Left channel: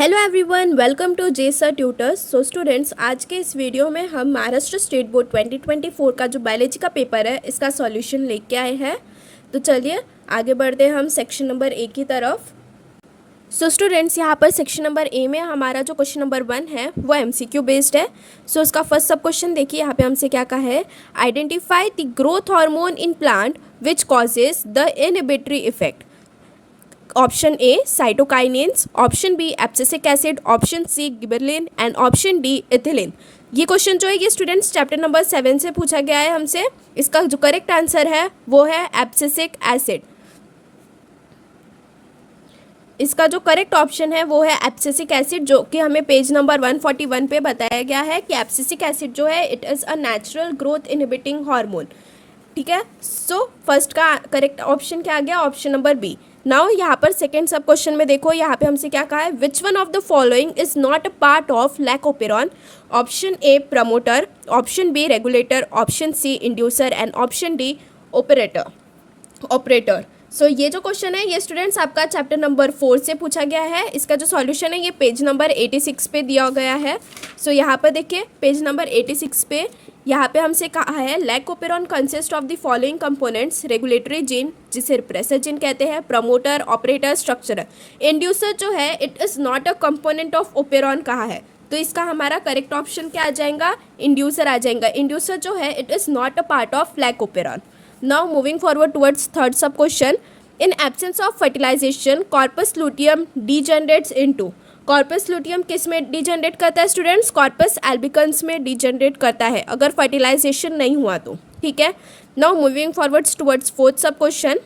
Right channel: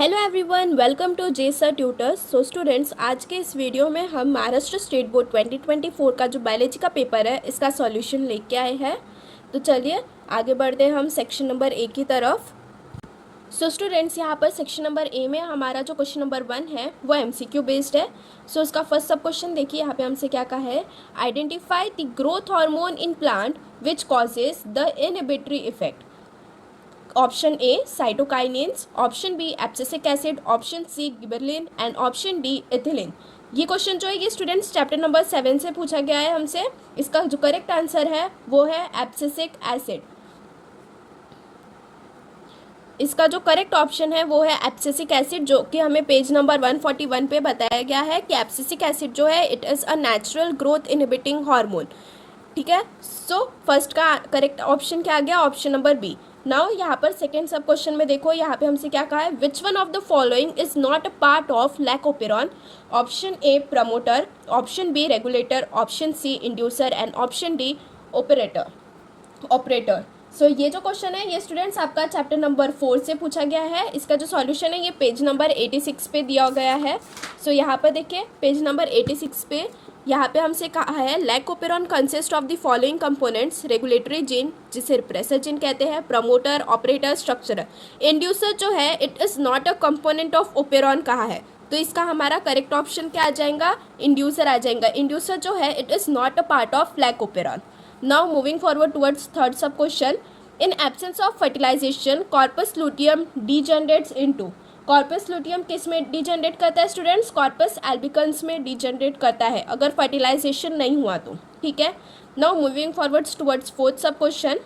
Hello everyone, welcome to जेसा tutors. So students, आज के इस वीडियो में हम महाराष्ट्र स्टेट बोर्ड 2024 का जो बायोलॉजी का पेपर है इसका सॉल्यूशन लेके आए हैं। तो चलिए आगे बढ़ते हैं हम सेक्शन नंबर ए की तरफ। सो स्टूडेंट्स, यहाँ पर सेक्शन नंबर ए में हमारा जो क्वेश्चन नंबर 1 है वो एमसीक्यू बेस्ड है। सो उसका फर्स्ट सब क्वेश्चन देखिए, यहाँ पे हमसे क्या कहा है, identify the growth hormone in plant which causes the inhibitory effect. Option A cytokinins, option B abscisic acid, option C gibberellin and option D ethylene. ये क्वेश्चन जो है ये स्टूडेंट्स चैप्टर नंबर 7 से पूछा गया है हमसे। इसका जो करेक्ट आंसर है वो है एब्सिसिक एसिड। इसका जो करेक्ट ऑप्शन है वो है एब्सिसिक एसिड, जो कि हमें पेज नंबर 141 पे बताया गया है कि एब्सिसिक एसिड जो है it is a natural growth inhibiting hormone. ठीक है, सो फर्स्ट का करेक्ट ऑप्शन क्या आ गया, ऑप्शन नंबर बी। नाउ यहाँ पर सेकेंड सब क्वेश्चन में देखो, यहाँ पे हमसे क्या कहा है, which one of the following is not a part of lac operon. Option A promoter, option B regulator, option C inducer and option D operator. So ये जो क्वेश्चन है ये स्टूडेंट्स आपका चैप्टर नंबर 4 से पूछा गया है। इसका जो सॉल्यूशन है ये पेज नंबर 86 पे दिया गया है। सो यहाँ पर देखिए पेज नंबर 86 पे यहाँ पे हमसे कहा है, lac operon consist of the following components, regulatory gene जिसे रिप्रेसर जीन कहते हैं, प्रमोटर, ऑपरेटर, स्ट्रक्चरर। इंड्यूसर जो है it is not a component of operon कहा है, तो इसका हमारा करेक्ट ऑप्शन क्या आ जाएगा, इंड्यूसर आ जाएगा। इंड्यूसर जो है it is not a part of lac operon. Now moving forward towards third sub question, in absence of fertilisation corpus luteum degenerates into. Corpus luteum किस में डिजनरेट करता है स्टूडेंट्स, कॉर्पस एल्बिकन्स में डिजनरेट करता है अगर फर्टिलाइजेशन नहीं हुआ तो। ठीक है, now moving forwards towards fourth sub question,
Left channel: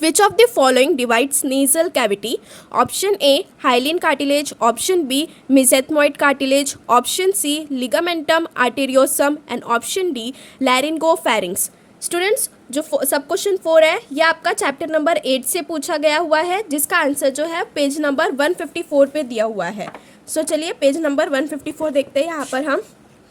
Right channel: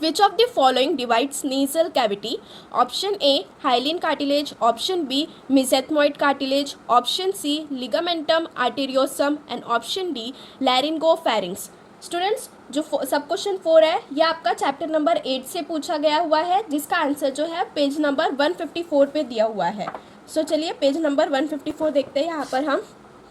which of the following divides nasal cavity. Option A hyaline cartilage, option B mesethmoid cartilage, option C ligamentum arteriosum and option D laryngopharynx. Students, जो sub question 4 है ये आपका chapter number 8 से पूछा गया हुआ है, जिसका आंसर जो है पेज नंबर 154 पे दिया हुआ है। सो चलिए पेज नंबर 154 देखते हैं। यहाँ पर हम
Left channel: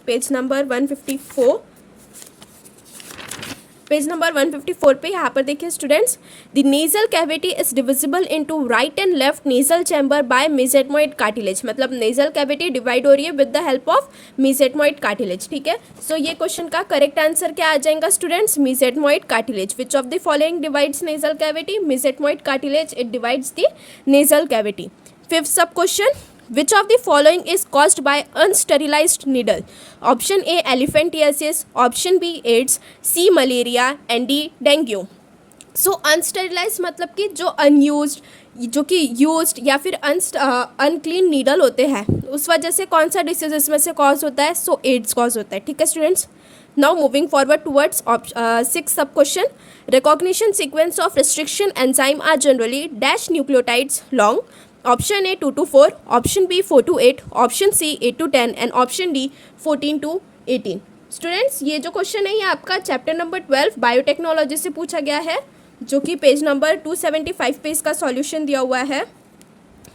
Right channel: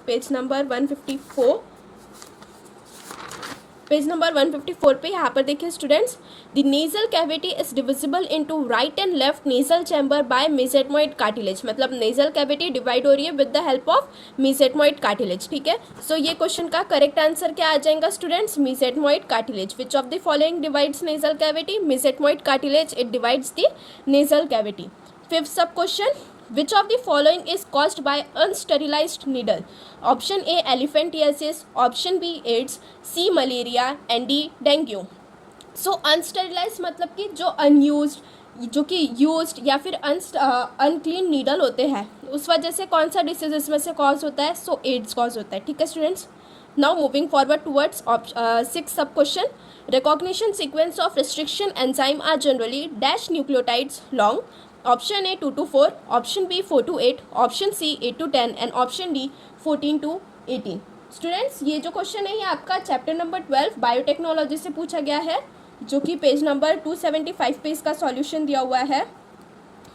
पेज नंबर 154 पे यहाँ पर देखिए students, the nasal cavity is divisible into right and left nasal chamber by mesethmoid cartilage. मतलब नेजल कैविटी डिवाइड हो रही है with the help of mesethmoid cartilage. ठीक है, सो ये क्वेश्चन का करेक्ट आंसर क्या आ जाएगा students, mesethmoid cartilage. Which of the following divides nasal cavity, mesethmoid cartilage it divides the nasal cavity. Fifth sub question, which of the following is caused by unsterilized needle? Option A elephantiasis, option B AIDS, C malaria and D dengue. So unsterilized मतलब कि जो unused, जो कि used या फिर unclean needle होते हैं, उस वजह से कौन सा डिसीज इसमें से कॉज होता है, सो एड्स कॉज होता है। ठीक है students, now moving forward towards 6th सब question, recognition sequence of restriction enzyme are generally dash nucleotides long. Option A 2 to 4, option B 4 to 8, option C 8 to 10 and option D 14 to 18। Students, ये जो question है ये आपका chapter number 12 biotechnology से पूछा गया है, जो कि पेज नंबर 275 पे इसका सॉल्यूशन दिया हुआ है।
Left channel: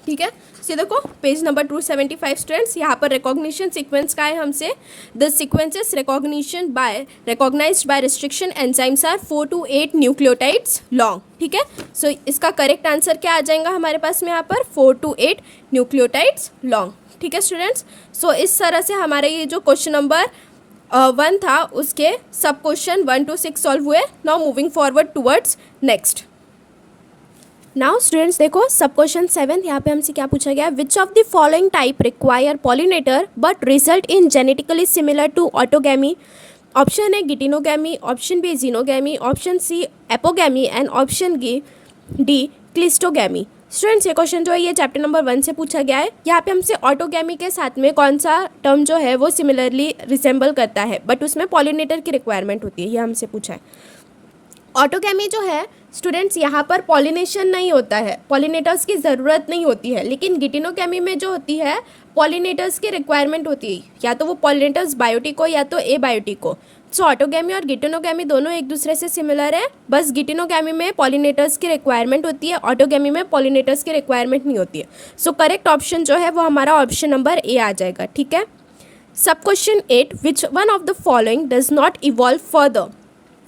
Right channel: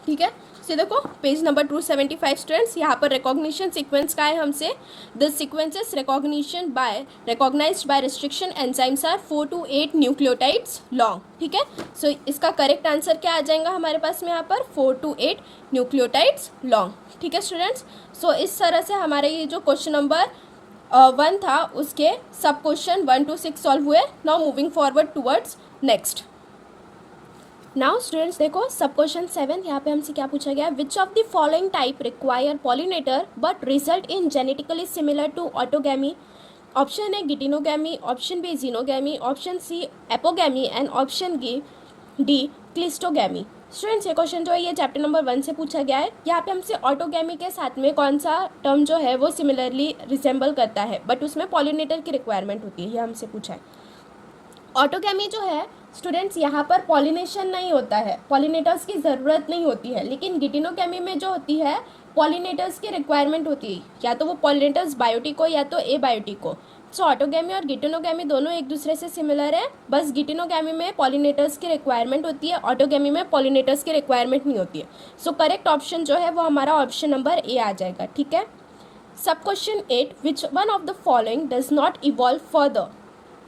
ठीक है, से देखो पेज नंबर 275 स्टूडेंट्स, यहाँ पर रिकॉग्निशन सीक्वेंस का है हमसे, the sequences recognized by restriction enzymes are 4 to 8 nucleotides long. ठीक है, सो इसका करेक्ट आंसर क्या आ जाएगा हमारे पास में यहाँ पर, 4 to 8 न्यूक्लियोटाइड्स लॉन्ग। ठीक है स्टूडेंट्स, सो इस तरह से हमारे ये जो क्वेश्चन नंबर 1 था उसके सब क्वेश्चन 1 to 6 सॉल्व हुए। Now moving forward towards next. Now students देखो सब क्वेश्चन 7, यहाँ पे हमसे क्या पूछा गया, which of the following type require pollinator but result in genetically similar to autogamy. Option A geitonogamy, option B xenogamy, option C apogamy and option D cleistogamy. Students, ये question जो है ये चैप्टर नंबर 1 से पूछा गया है। यहाँ पे हमसे ऑटोगैमी के साथ में कौन सा टर्म जो है वो सिमिलरली रिसेंबल करता है बट उसमें पॉलिनेटर की रिक्वायरमेंट होती है, ये हमसे पूछा है। ऑटोगैमी जो है स्टूडेंट्स यहाँ पर पॉलिनेशन नहीं होता है, पॉलिनेटर्स की ज़रूरत नहीं होती है, लेकिन गिटिनोगैमी में जो होती है पॉलिनेटर्स की रिक्वायरमेंट होती है, या तो वो पॉलिनेटर्स बायोटिक हो या तो एबायोटिक हो। सो ऑटोगैमी और गिटिनोगैमी दोनों एक दूसरे से सिमिलर है, बस गिटिनोगैमी में पॉलिनेटर्स की रिक्वायरमेंट होती है, ऑटोगैमी में पॉलिनेटर्स की रिक्वायरमेंट नहीं होती है। सो करेक्ट ऑप्शन जो है वो हमारा ऑप्शन नंबर ए आ जाएगा। ठीक है, sub question 8, which one of the following does not evolve further.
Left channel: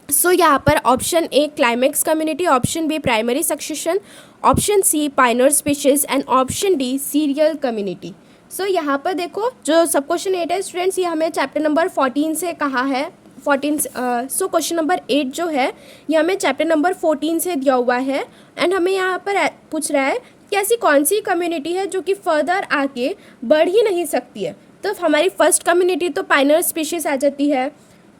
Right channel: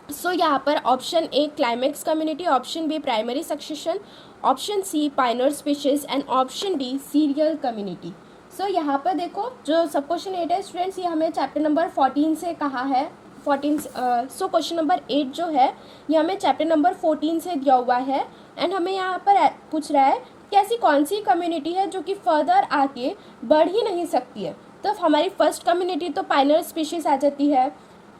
So यहाँ पर option A climax community, option B primary succession, option C pioneer species and option D seral community. So यहाँ पर देखो जो sub question 8 है students, ये हमें chapter number 14 से कहा है 14। सो क्वेश्चन नंबर 8 जो है ये हमें चैप्टर नंबर 14 से दिया हुआ है एंड हमें यहाँ पर पूछ रहा है कि ऐसी कौन सी कम्युनिटी है जो कि फर्दर आगे बढ़ ही नहीं सकती है। तो हमारी फर्स्ट कम्युनिटी तो पाइनर स्पीशीज़ आ जाती है।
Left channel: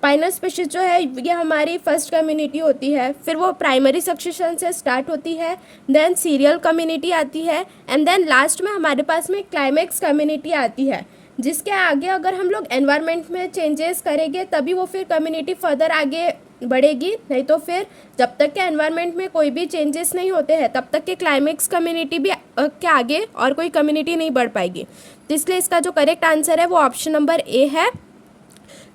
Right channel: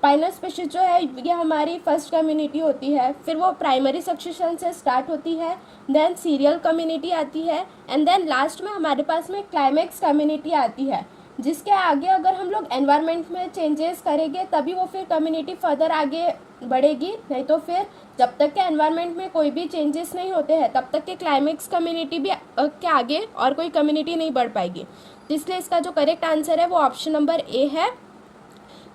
पाइनर स्पीशीज जो है ये हमारी फर्स्ट कम्युनिटी होती है, फिर वो प्राइमरी सक्सेशन से स्टार्ट होती है, देन सीरियल कम्युनिटी आती है एंड देन लास्ट में हमारे पास में क्लाइमेक्स कम्युनिटी आती है, जिसके आगे अगर हम लोग एनवायरनमेंट में चेंजेस करेंगे तभी वो फिर कम्युनिटी फर्दर आगे बढ़ेगी, नहीं तो फिर जब तक के एनवायरनमेंट में कोई भी चेंजेस नहीं होते हैं तब तक के क्लाइमेक्स कम्युनिटी भी के आगे और कोई कम्युनिटी नहीं बढ़ पाएगी। तो इसलिए इसका जो करेक्ट आंसर है वो ऑप्शन नंबर ए है,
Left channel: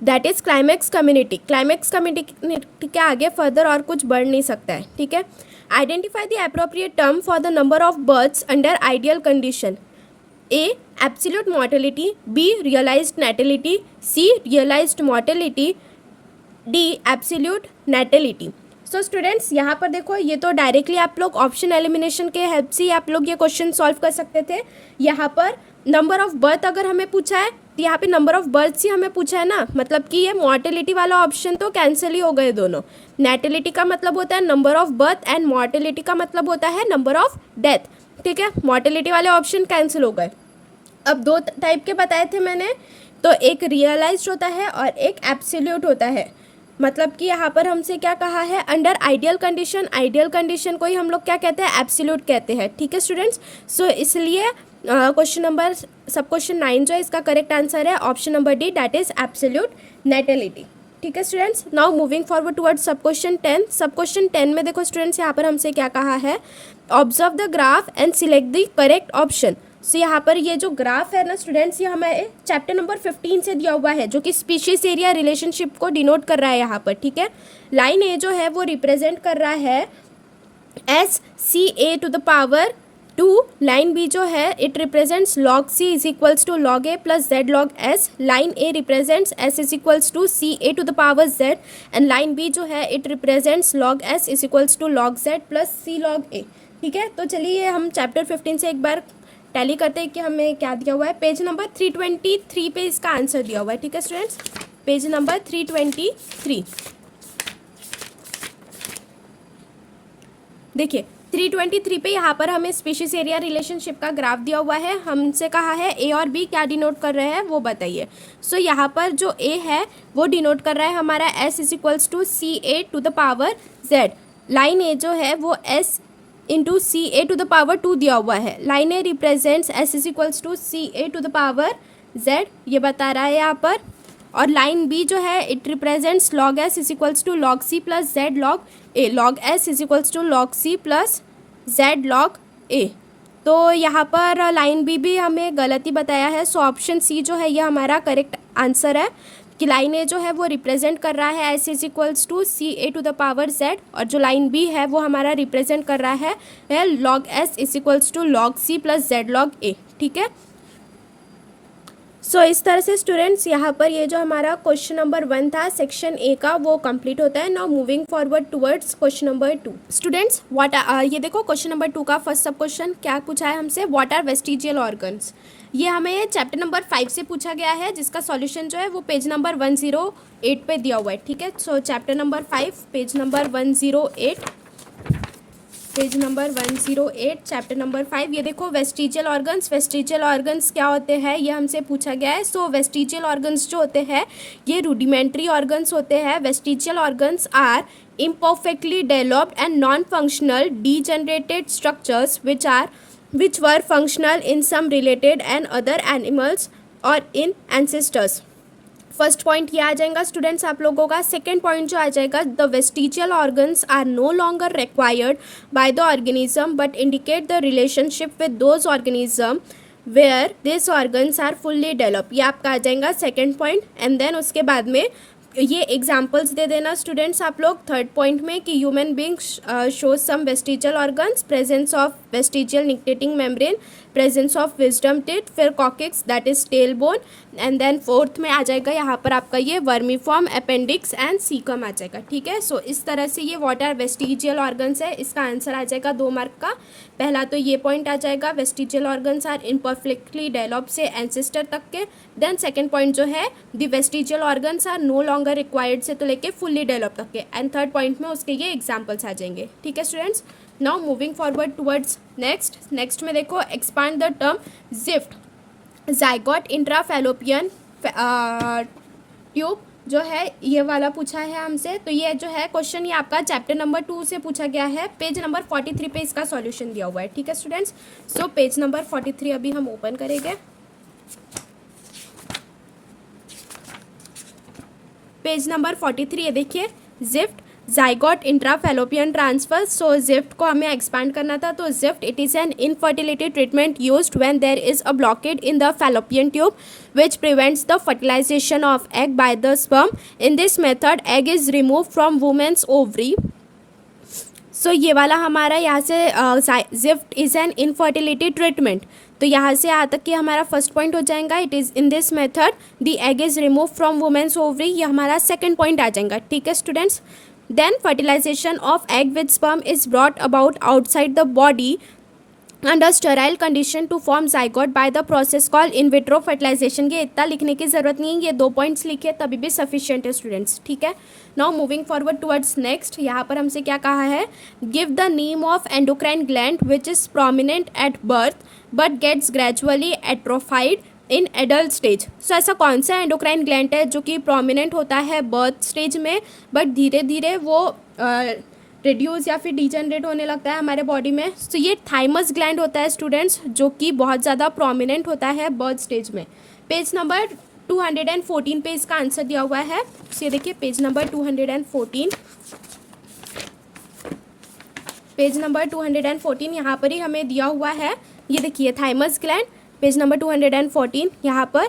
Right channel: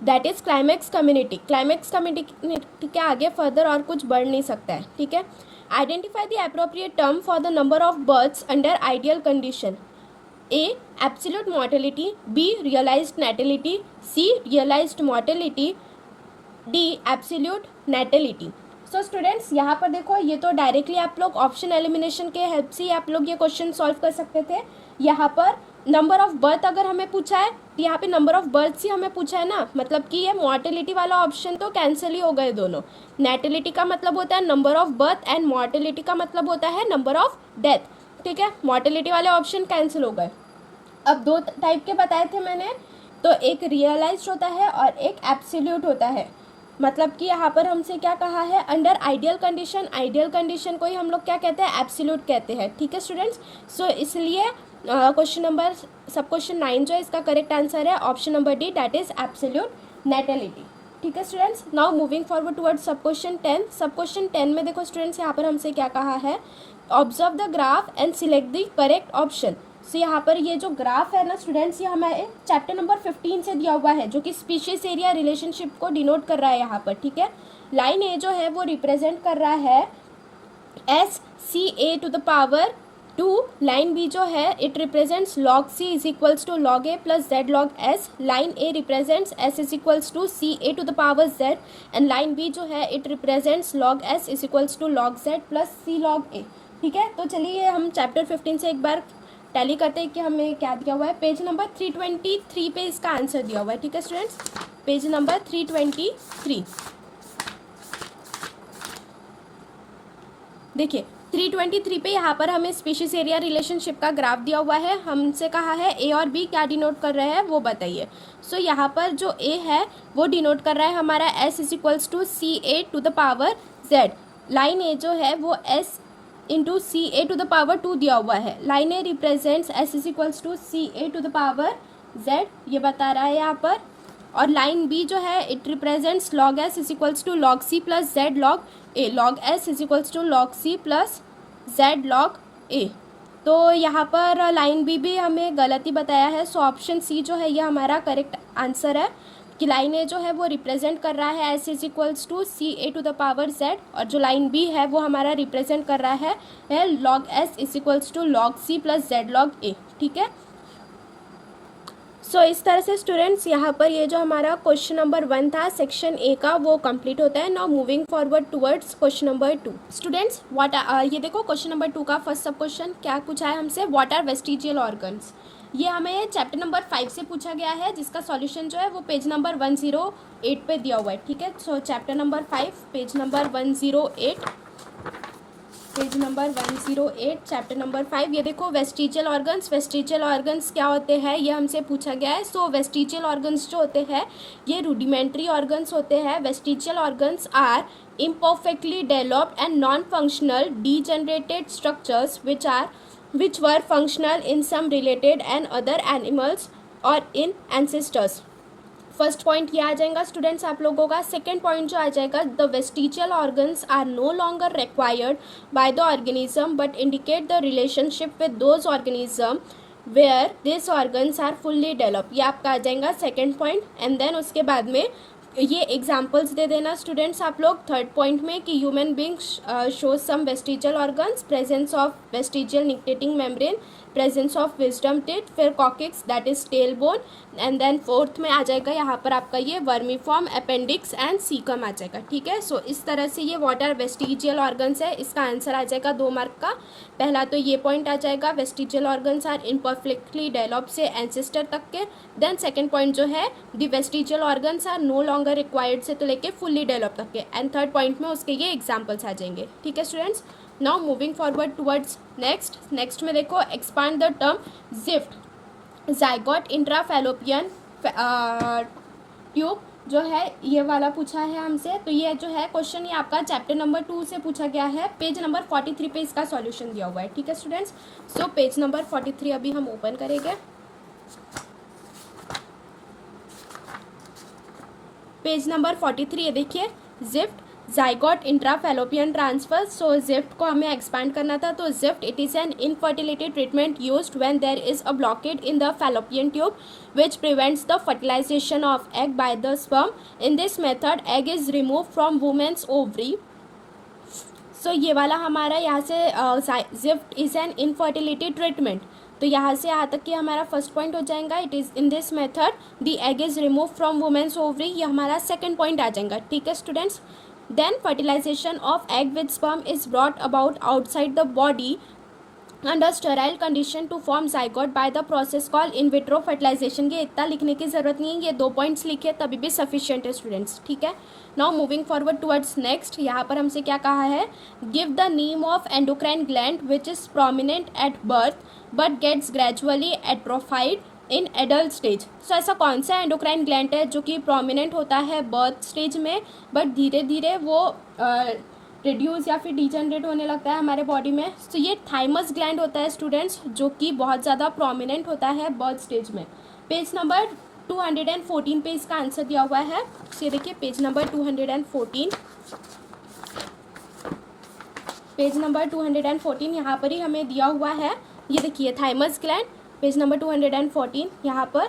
that is climax community. Climax community के आगे फर्दर और कुछ बढ़ नहीं सकता है, ठीक है। Identify the appropriate term for the number of births under ideal condition. A absolute mortality, B realised natality, C realised mortality, D absolute natality. So students यहाँ पर देखो ये तो डायरेक्टली आप लोग ऑप्शन एलिमिनेशन के हेल्प से आप लोग ये क्वेश्चन सॉल्व कर सकते थे। यहाँ पर नंबर ऑफ बर्थ अगर हमें पूछा है तो यहाँ पे नंबर ऑफ बर्थ्स ही हमें पूछा है ना, मतलब कि ये मॉर्टेलिटी वाला ऑप्शन तो कैंसिल ही हो गए दोनों। नैटेलिटी का मतलब होता है number of birth and mortality का मतलब होता है नंबर ऑफ डेथ, ठीक है। मॉर्टेलिटी वाले ऑप्शन कैंसिल हो गए। अब दो टाइप के बताए थे मैंने, तो एक रियलाइज्ड होता है और एक एब्सोल्यूट होता है। मतलब कि यहाँ पर हमसे क्या कहा है, under ideal condition, ideal condition को ही हम लोग क्या कहते हैं, एब्सोल्यूट कहते हैं, ठीक है स्टूडेंट्स। सो इसलिए क्वेश्चन नंबर सब क्वेश्चन 9 जो है इसका करेक्ट आंसर है option number D, that is absolute natality, ठीक है students. Now moving forward towards sub question 10। Sub question 10 में देखो स्टूडेंट्स यहाँ पर हमसे क्या कहा है, observe the graph and select the correct option. So यहाँ पर ये जो ग्राफ है ना स्टूडेंट्स, ये हमें चैप्टर नंबर 15 से दिया हुआ है, जो कि स्पीशीज एरिया रिलेशनशिप को डिनोट कर रहा है यहाँ पर, ठीक है। लाइन ए जो है वो रिप्रेजेंट कर रहा है SCA to the power 2, line B जो है it represents log C is equals to log A plus Z log S, line A represents S is equals to CA to the power Z and line B जो है it represents log S is equals to log Z plus C log A, ठीक है। तो चलिए हम chapter 15 से एक बार tally करते हैं कि हमें क्या दिया हुआ है। पेज नंबर 323 पे इसका आंसर दिया हुआ है, ठीक है स्टूडेंट्स। पेज नंबर 323 देखिए 323 पे यहाँ पर हमें स्पीशीज एरिया रिलेशनशिप का ग्राफ दिया हुआ है। हमसे कहा है ए और बी क्या डिनोट कर रहे हैं वो बताइए। सो यहाँ पर जो ए है वो डिनोट कर रहा है हमारा S is equals to CA to the power Z। Line A जो है वो S into CA to the power 2 दिया हुआ है। Line A represents S is equals to CA to the power Z, ये बता रहा है यहाँ पर। और लाइन बी जो है it represents log S is equals to log C plus Z log A, log S is equals to log C plus Z log A। तो यहाँ पर लाइन बी भी हमें गलत ही बताया है। सो ऑप्शन सी जो है ये हमारा करेक्ट आंसर है कि लाइन ए जो है वो रिप्रेजेंट कर रहा है S is equals to CA to the power Z, और जो लाइन बी है वो हमारा रिप्रेजेंट कर रहा है log S is equals to log C plus Z log A, ठीक है। सो इस तरह से स्टूडेंट्स यहाँ पर ये जो हमारा क्वेश्चन नंबर 1 था सेक्शन ए का वो कंप्लीट होता है। Now moving forward towards question number 2। Students ये देखो क्वेश्चन नंबर 2 का फर्स्ट सब क्वेश्चन क्या पूछा है हमसे, व्हाट आर वेस्टिजियल ऑर्गन्स। ये हमें चैप्टर नंबर 5 से पूछा गया है, जिसका सॉल्यूशन जो है वो पेज नंबर 108 पे दिया हुआ है, ठीक है। सो chapter number 5 page number 108, page number 108 chapter number 5। ये देखो वेस्टिजियल ऑर्गन्स, वेस्टिजियल ऑर्गन्स क्या होते हैं ये हमसे पूछा गया है। सो वेस्टिजियल ऑर्गन्स जो होते हैं ये रूडिमेंट्री ऑर्गन्स होते हैं। Vestigial organs are imperfectly developed and non-functional degenerated structures which were functional in some related and other animals or in ancestors। First point ये आ जाएगा स्टूडेंट्स आप लोगों का। सेकेंड पॉइंट जो आ जाएगा, the vestigial organs are no longer required by the organism but indicate the relationship with those organism where this organs are fully develop. ये आपका आ जाएगा सेकेंड पॉइंट। एंड देन उसके बाद में ये एग्जाम्पल्स दे देना स्टूडेंट्स आप लोग थर्ड पॉइंट में कि human being shows some vestigial organs, presence of vestigial nictitating membrane presence of wisdom teeth, फिर coccyx that is tail bone, and then fourth में आ जाएगा यहाँ पर आपका ये वर्मीफॉर्म, अपेंडिक्स एंड सीकम आ जाएगा, ठीक है। सो इस तरह से ये व्हाट आर वेस्टिजियल ऑर्गन्स है, इसका आंसर आ जाएगा 2 मार्क का। पहला तो ये पॉइंट आ जाएगा, vestigial organs are imperfectly develop से एंसेस्टर तक के। देन सेकेंड पॉइंट जो है, the vestigial organs are no longer required से तो लेके फुल्ली डेवलप तक के। एंड थर्ड पॉइंट में उसके ये एग्जाम्पल्स आ जाएंगे, ठीक है students. Now moving forward towards next में देखो, expand the term gift, zygote intrafallopian tube जो है ये वाला पूछा है हमसे। तो ये जो है क्वेश्चन ये आपका चैप्टर नंबर 2 से पूछा गया है, पेज नंबर 43 पे इसका सॉल्यूशन दिया हुआ है, ठीक है स्टूडेंट्स। सो पेज नंबर 43 अभी हम ओपन करेंगे। पेज नंबर 43 ये देखिए, GIFT zygote intrafallopian transfer. So GIFT को हमें एक्सपांड करना था, तो GIFT it is an infertility treatment used when there is a blockade in the fallopian tube which prevents the fertilization of egg by the sperm. In this method egg is removed from woman's ovary. So ये वाला हमारा यहाँ से gift is an infertility treatment, तो यहाँ से यहाँ तक कि हमारा फर्स्ट पॉइंट हो जाएगा, it is in this method the egg is remove from women's ovary, ये हमारा सेकंड पॉइंट आ जाएगा, ठीक है students. Then fertilization of egg with sperm is brought about outside the body under sterile condition to form zygote by the process called in vitro fertilization. ये इतना लिखने की जरूरत नहीं है, ये 2 पॉइंट्स लिखे तभी भी सफिशिएंट है स्टूडेंट्स, ठीक है। Now moving forward towards next, यहाँ पर हमसे क्या कहा है, give the name of endocrine gland which is prominent at birth but gets gradually atrophied in adult stage. So ऐसा कौन सा एंडोक्राइन ग्लैंड है जो कि प्रोमिनेंट होता है बर्थ स्टेज में, बट धीरे धीरे वो रिड्यूस या फिर डिजनरेट होने लगता है हमारे बॉडी में। तो ये थाइमस ग्लैंड होता है स्टूडेंट्स, जो कि बहुत ज़्यादा प्रोमिनेंट होता है बर्थ स्टेज में। पेज नंबर 214 पे इसका आंसर दिया हुआ है। ये देखिए पेज नंबर 214, पेज नंबर 214 यहाँ पर ही हमें दिया हुआ है। ये देखिए थाइमस ग्लैंड, पेज नंबर 214, यहाँ पर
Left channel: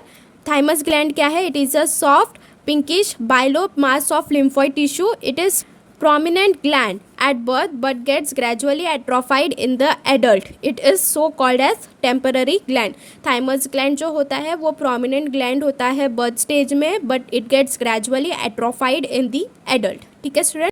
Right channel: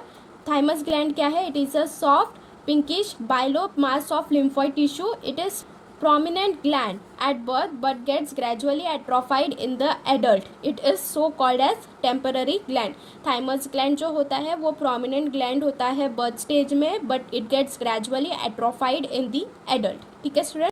थाइमस ग्लैंड क्या है, it is a soft pinkish bilobed mass of lymphoid tissue. It is prominent gland at birth but gets gradually atrophied in the adult. It is so called as temporary gland. thymus gland जो होता है वो prominent gland होता है birth stage में, but it gets gradually atrophied in the adult, ठीक है student.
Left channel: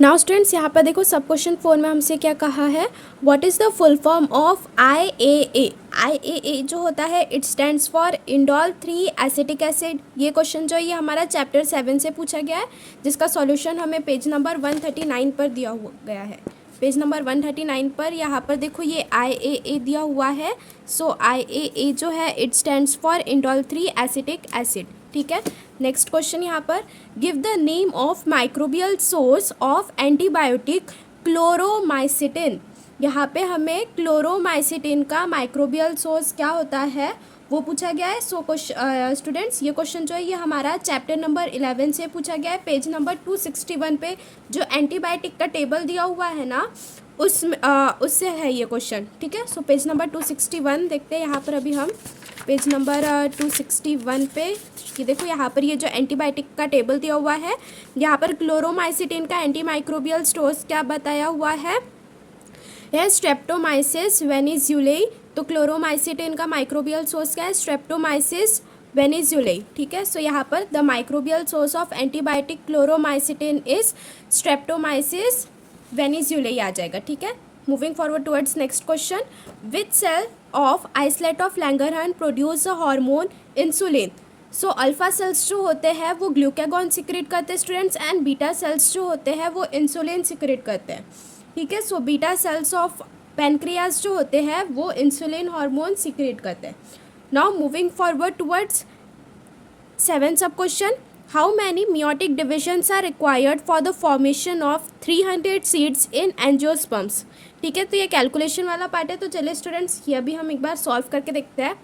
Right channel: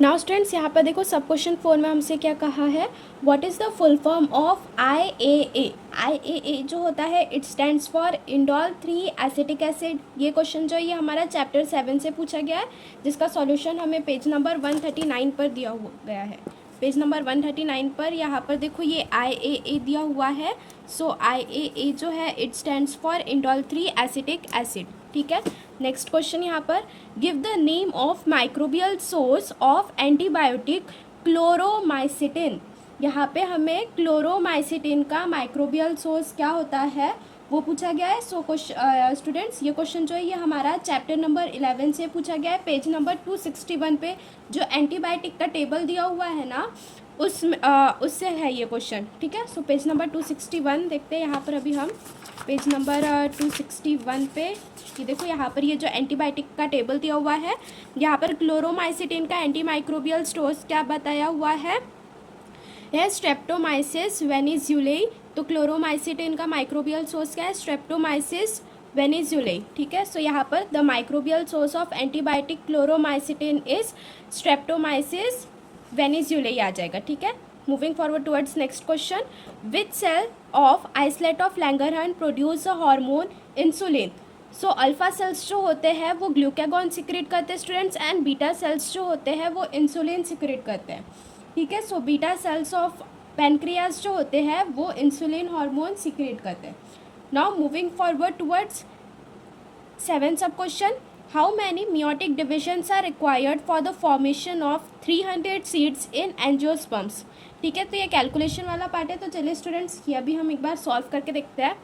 Now students यहाँ पर देखो, सब क्वेश्चन 4 में हमसे क्या कहा है, what is the full form of IAA। IAA जो होता है it stands for indole 3 acetic acid. ये क्वेश्चन जो है ये हमारा चैप्टर 7 से पूछा गया है, जिसका सॉल्यूशन हमें पेज नंबर 139 पर दिया गया है। पेज नंबर 139 पर यहाँ पर देखो ये IAA दिया हुआ है। सो IAA जो है it stands for indole 3 acetic acid, ठीक है। नेक्स्ट क्वेश्चन यहाँ पर, give the name of microbial source of antibiotic Chloromycetin. यहाँ पे हमें क्लोरोमाइसिटिन का माइक्रोबियल सोर्स क्या होता है वो पूछा गया है। सो स्टूडेंट्स ये क्वेश्चन जो है ये हमारा चैप्टर नंबर 11 से पूछा गया है। पेज नंबर 261 पे जो एंटीबायोटिक का टेबल दिया हुआ है ना, उससे है ये क्वेश्चन, ठीक है। सो पेज नंबर 261 देखते हैं यहाँ पर अभी हम। पेज नंबर 261 पे ये देखो, यहाँ पर ये जो एंटीबायोटिक का टेबल दिया हुआ है, यहाँ पर क्लोरोमाइसिटिन का एंटीमाइक्रोबियल स्टोर्स क्या बताया हुआ है स्ट्रेप्टोमाइसिस वेनिजुलेई। तो क्लोरोमाइसिटिन का माइक्रोबियल सोर्स क्या है, स्ट्रेप्टोमाइसिस वेनिजुलेई, ठीक है। सो यहाँ पर the microbial source of antibiotic chloromycetin is Streptomyces venezuelae आ जाएगा, ठीक है। Moving forward towards next question, which cell of islet of Langerhans produce a hormone insulin. So alpha cells जो होते हैं वो ग्लूकागॉन सिक्रेट करते हैं स्टूडेंट्स, एंड बीटा सेल्स जो होते हैं वो इंसुलिन सिक्रेट करते हैं, ठीक है। So beta cells of pancreas जो होते हैं वो इंसुलिन हार्मोन सिक्रेट करते हैं। नाउ मूविंग फॉरवर्ड टुवर्ड्स 7 सब question, how many meiotic divisions are required for the formation of 300 seeds in angiosperms। ठीक है, तो ये कैलकुलेशन वाला पार्ट है, तो चलिए स्टूडेंट्स ये अभी हम एक बार सॉल्व करके देखते हैं।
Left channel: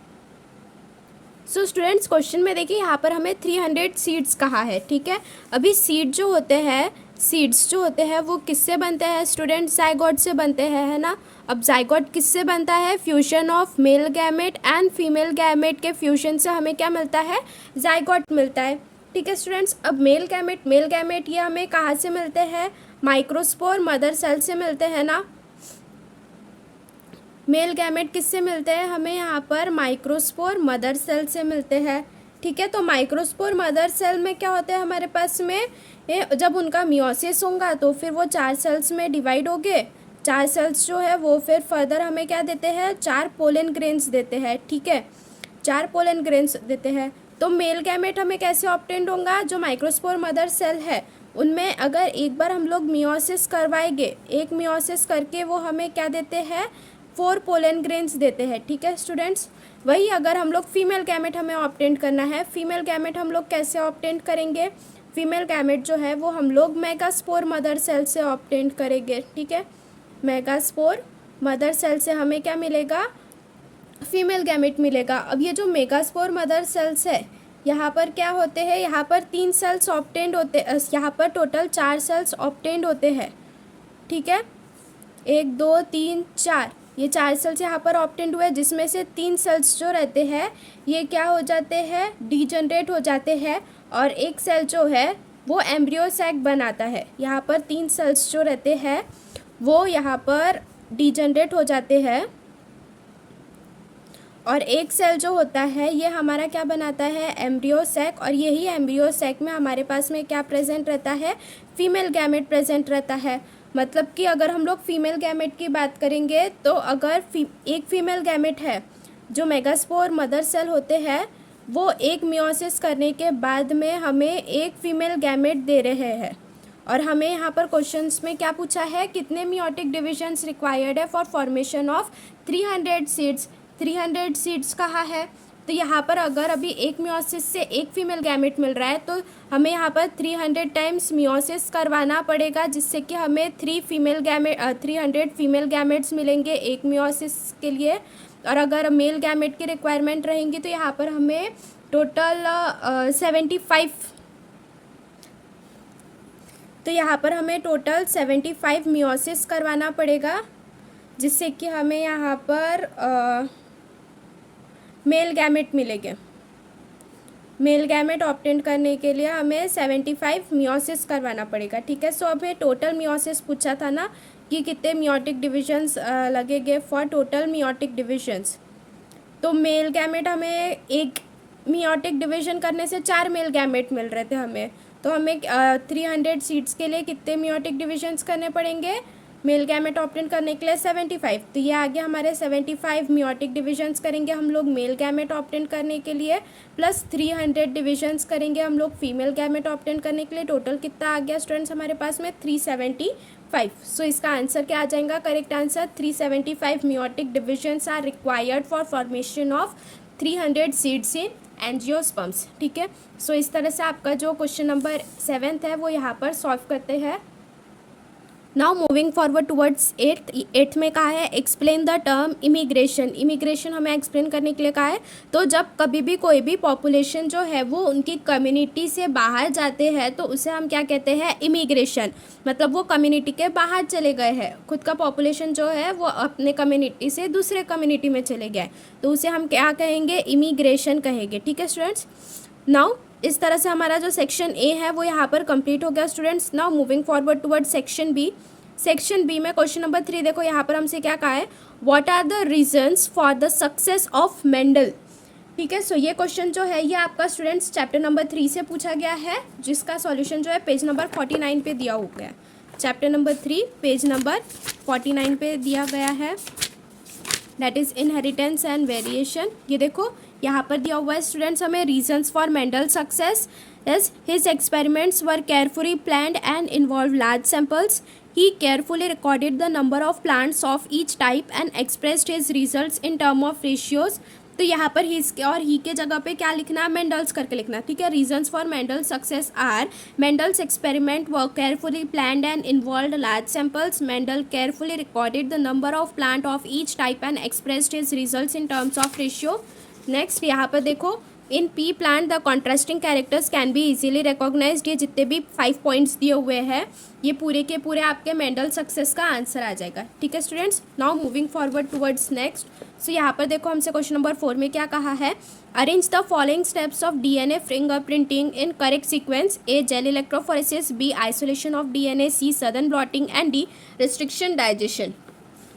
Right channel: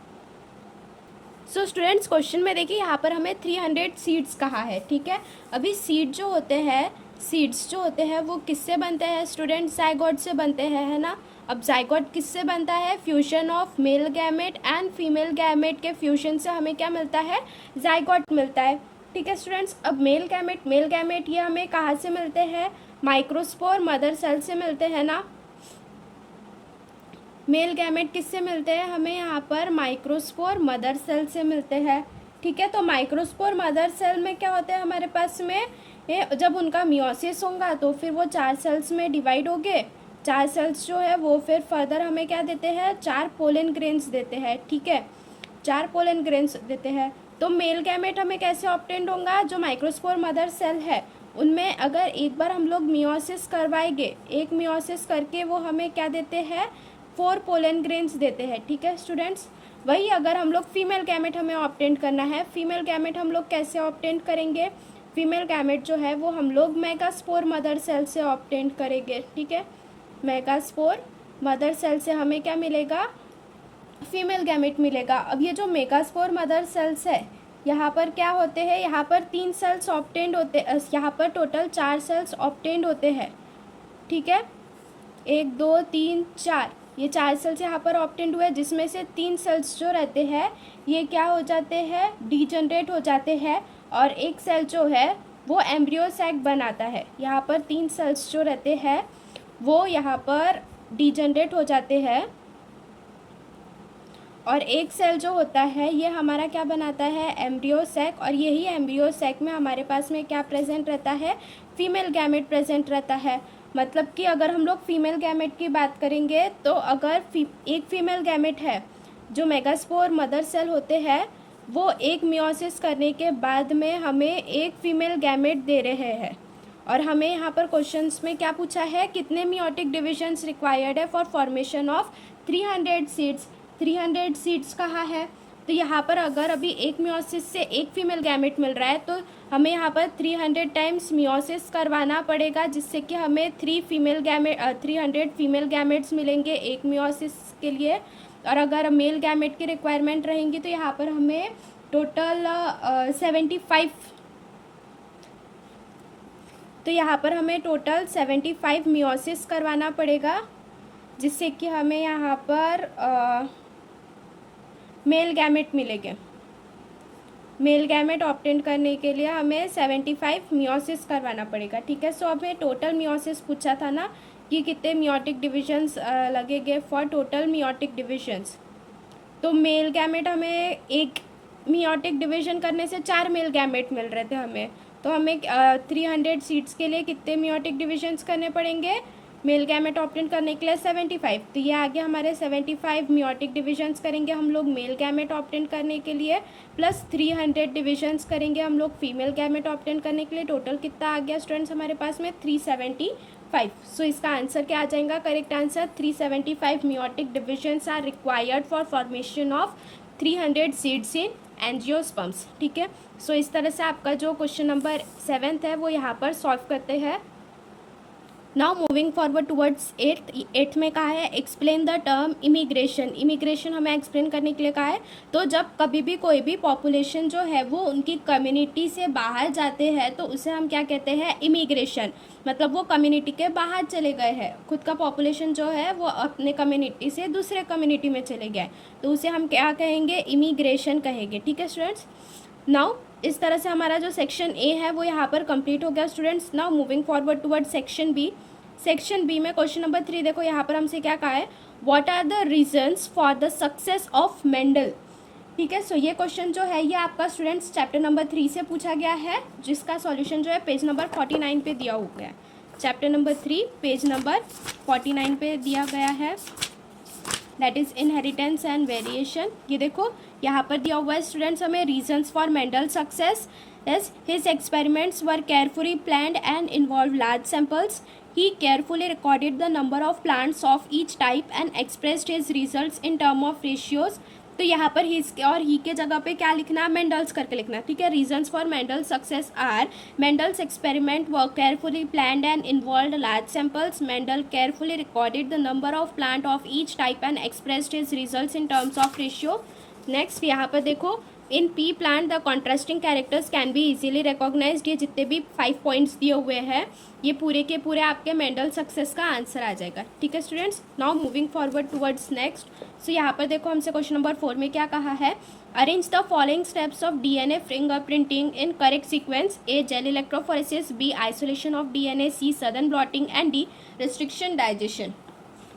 सो स्टूडेंट्स क्वेश्चन में देखिए यहाँ पर हमें 300 सीड्स कहा है, ठीक है। अभी सीड जो होते हैं, सीड्स जो होते हैं वो किससे बनते हैं स्टूडेंट्स, जाइगोट से बनते हैं, है ना। अब जाइगोट किससे बनता है, fusion of male gamete and female gamete के फ्यूजन से हमें क्या मिलता है, जाइगोट मिलता है, ठीक है स्टूडेंट्स। अब मेल गैमेट ये हमें कहाँ से मिलते हैं, माइक्रोस्पोर मदर सेल से मिलते हैं ना। मेल गैमेट किससे मिलते हैं? हमें यहाँ पर माइक्रोस्पोर मदर सेल से मिलते हैं। ठीक है, तो माइक्रोस्पोर मदर सेल में क्या होता है हमारे पास में, जब उनका मियोसिस होगा तो फिर वो 4 सेल्स में डिवाइड हो गए। 4 सेल्स जो है वो फिर फर्दर हमें क्या देते हैं, 4 पोलन ग्रेन्स देते हैं। ठीक है, 4 पोलन ग्रेन्स देते हैं। तो मेल गैमेट हमें कैसे ऑब्टेन्ड होगा? जो माइक्रोस्पोर मदर सेल है उनमें अगर एक बार हम लोग मियोसिस करवाएंगे, एक मियोसिस करके वो हमें क्या देते हैं, 4 पोलन ग्रेन्स देते हैं। ठीक है स्टूडेंट्स, वही अगर हम लोग फीमेल गैमेट हमें ऑब्टेंड करना है, फीमेल गैमेट हम लोग कैसे ऑब्टेंड करेंगे? फीमेल गैमेट जो है वो हम लोग मेगास्पोर मदर सेल से ऑब्टेंड करेंगे। ठीक है, मेगास्पोर मदर सेल से हमें क्या मिलेगा, फीमेल गैमेट मिलेगा। अब ये जो मेगास्पोर मदर सेल्स है यहाँ पर क्या होते हैं, यहाँ पर 3 सेल्स ऑब्टेंड होते, यहाँ पर टोटल 4 सेल्स ऑब्टेंड होते हैं। ठीक है, 1 2 3 4, ये 4 सेल्स यहाँ पर ऑब्टेंड हुए, जिसमें से 3 सेल्स जो रहते हैं ये क्या हो जाते हैं, डीजनरेट हो जाते हैं, और एक सेल जो है वो एम्ब्रियो सैक बनाता है। यहाँ पर 3 सेल्स जो रहते हैं वो यहाँ पर डीजनरेट हो जाते हैं, और एक सेल जो होता है ये हमारा क्या बनाता है, एम्ब्रियो सैक। और यही एम्ब्रियो सैक में हमारे पास में क्या प्रेजेंट रहता है, फीमेल गैमेट प्रेजेंट रहता है। मतलब कि अगर हम लोग फीमेल गैमेट की बात करेंगे तो अगर एक फीमेल गैमेट है, जो मेगास्पोर मदर सेल होते हैं वो एक मियोसिस करने के बाद में हमें एक फीमेल गैमेट दे रहे हैं। और हमें यहाँ पर क्वेश्चंस में क्या पूछा है, कितने मियोटिक डिविजन्स रिक्वायर्ड है for formation of 300 seeds. 300 seeds कहाँ है, तो यहाँ पर अगर अभी एक मियोसिस से एक फीमेल गैमेट मिल रहा है तो हमें यहाँ पर 300 टाइम्स मियोसिस करवाना पड़ेगा, जिससे कि हमें 300 फीमेल गैमेट्स मिलेंगे एक मियोसिस के लिए। और अगर मेल गैमेट की रिक्वायरमेंट रहेंगी तो यहाँ पर हमें टोटल 75, तो यहाँ पर हमें टोटल 75 मियोसिस करवाना पड़ेगा, जिससे कि हमें यहाँ पर मेल गैमेट मिलेंगे। मेल गैमेट ऑब्टेन करने के लिए हमें 75 मियोसिस करवाना पड़ेगा। ठीक है, सो हमें टोटल मियोसिस पूछा था ना कि कितने मियोटिक डिविजन्स लगेंगे फॉर टोटल मियोटिक डिविजन्स। तो मेल गैमेट हमें एक मियोटिक डिवीजन करने से 4 मेल गैमेट मिल रहे थे हमें, तो हमें 300 सीड्स के लिए कितने मियोटिक डिविजन्स करने पड़ेंगे, मेल गैमेट ऑब्टेन करने के लिए 75। तो ये आगे हमारे 75 मियोटिक डिविजन्स करेंगे हम लोग मेल गैमेट ऑब्टेन करने के लिए, प्लस 300 डिविजन्स करेंगे हम लोग फीमेल गैमेट ऑब्टेन करने के लिए। टोटल कितना आ गया स्टूडेंट्स हमारे पास में, 375। सो इसका आंसर क्या आ जाएगा, correct answer 375 meiotic divisions are required for formation of 300 seeds in angiosperms. ठीक है, सो इस तरह से आपका जो क्वेश्चन नंबर 7 है वो यहाँ पर सॉल्व करते हैं। Now moving forward towards 8th में कहा है explain the term immigration. Immigration हमें एक्सप्लेन करने के लिए कहा है। तो जब कभी भी कोई भी पॉपुलेशन जो है वो उनकी कम्युनिटी से बाहर जाते हैं तो उसे हम क्या कहते हैं, इमिग्रेशन। मतलब वो कम्युनिटी के बाहर चले गए हैं, खुद का पॉपुलेशन जो है वो अपने कम्युनिटी से दूसरे कम्युनिटी में चले गए, तो उसे हम क्या कहेंगे, इमिग्रेशन कहेंगे। ठीक है स्टूडेंट्स, नाउ इस तरह से हमारा जो सेक्शन ए है वो यहाँ पर कंप्लीट हो गया students. Now moving forward toward section B. Section B में क्वेश्चन नंबर 3 देखो, यहाँ पर हमसे क्या कहा है, what are the reasons for the success of Mendel. ठीक है, सो ये क्वेश्चन जो है ये आपका स्टूडेंट्स चैप्टर नंबर 3 से पूछा गया है, जिसका सॉल्यूशन जो है पेज नंबर 49 पे दिया हुआ है। चैप्टर नंबर 3 पेज नंबर 49 पे दिया गया है, that is inheritance and variation. ये देखो यहाँ पर दिया हुआ है स्टूडेंट्स हमें, reasons for Mendel success is his experiments were carefully planned and involve large samples. He carefully recorded the number of plants of each type and expressed his results in term of ratios। तो यहाँ पर his और he के जगह पे क्या लिखना है, मेंडल्स करके लिखना। ठीक है, reasons for Mendel success are, Mendel's experiment were carefully planned and involved large samples. Mendel carefully recorded the number of plant of each type and expressed his results in terms of ratio. Next यहाँ पर देखो, in pea plant the contrasting characters can be easily recognised. ये जितने भी 5 points दिए हुए हैं ये पूरे के पूरे आपके मेंडल सक्सेस का आंसर आ जाएगा। ठीक है students, now moving forward towards next. So यहाँ पर देखो हमसे क्वेश्चन नंबर 4 में क्या कहा है, arrange the following steps of DNA fingerprinting in correct sequence. A gel electrophoresis, B isolation of DNA, C southern blotting and D restriction digestion.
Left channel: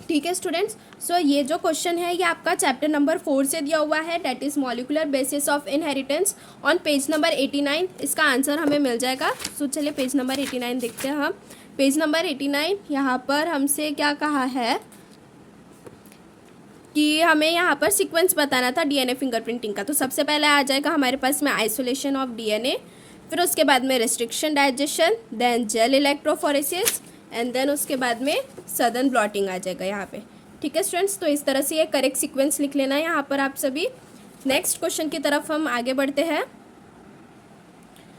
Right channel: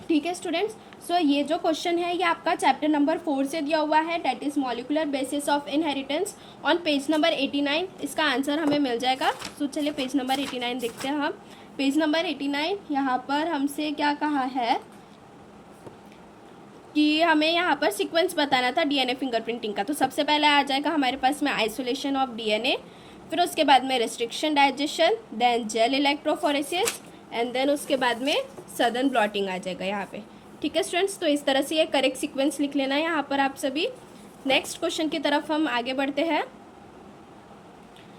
ठीक है स्टूडेंट्स, सो ये जो क्वेश्चन है ये आपका चैप्टर नंबर 4 से दिया हुआ है, that is molecular basis of inheritance on page number 89। इसका आंसर हमें मिल जाएगा। सो चलिए पेज नंबर 89 देखते हैं हम। पेज नंबर 89 यहाँ पर हमसे क्या कहा है कि हमें यहाँ पर सीक्वेंस बताना था डीएनए फिंगरप्रिंटिंग का। तो सबसे पहले आ जाएगा हमारे पास में आइसोलेशन ऑफ डीएनए, फिर उसके बाद में restriction digestion, then gel electrophoresis, and then उसके बाद में सदर्न ब्लॉटिंग आ जाएगा यहाँ पे। ठीक है स्टूडेंट्स, तो इस तरह से ये करेक्ट सीक्वेंस लिख लेना है यहाँ पर आप सभी। नेक्स्ट क्वेश्चन की तरफ हम आगे बढ़ते हैं।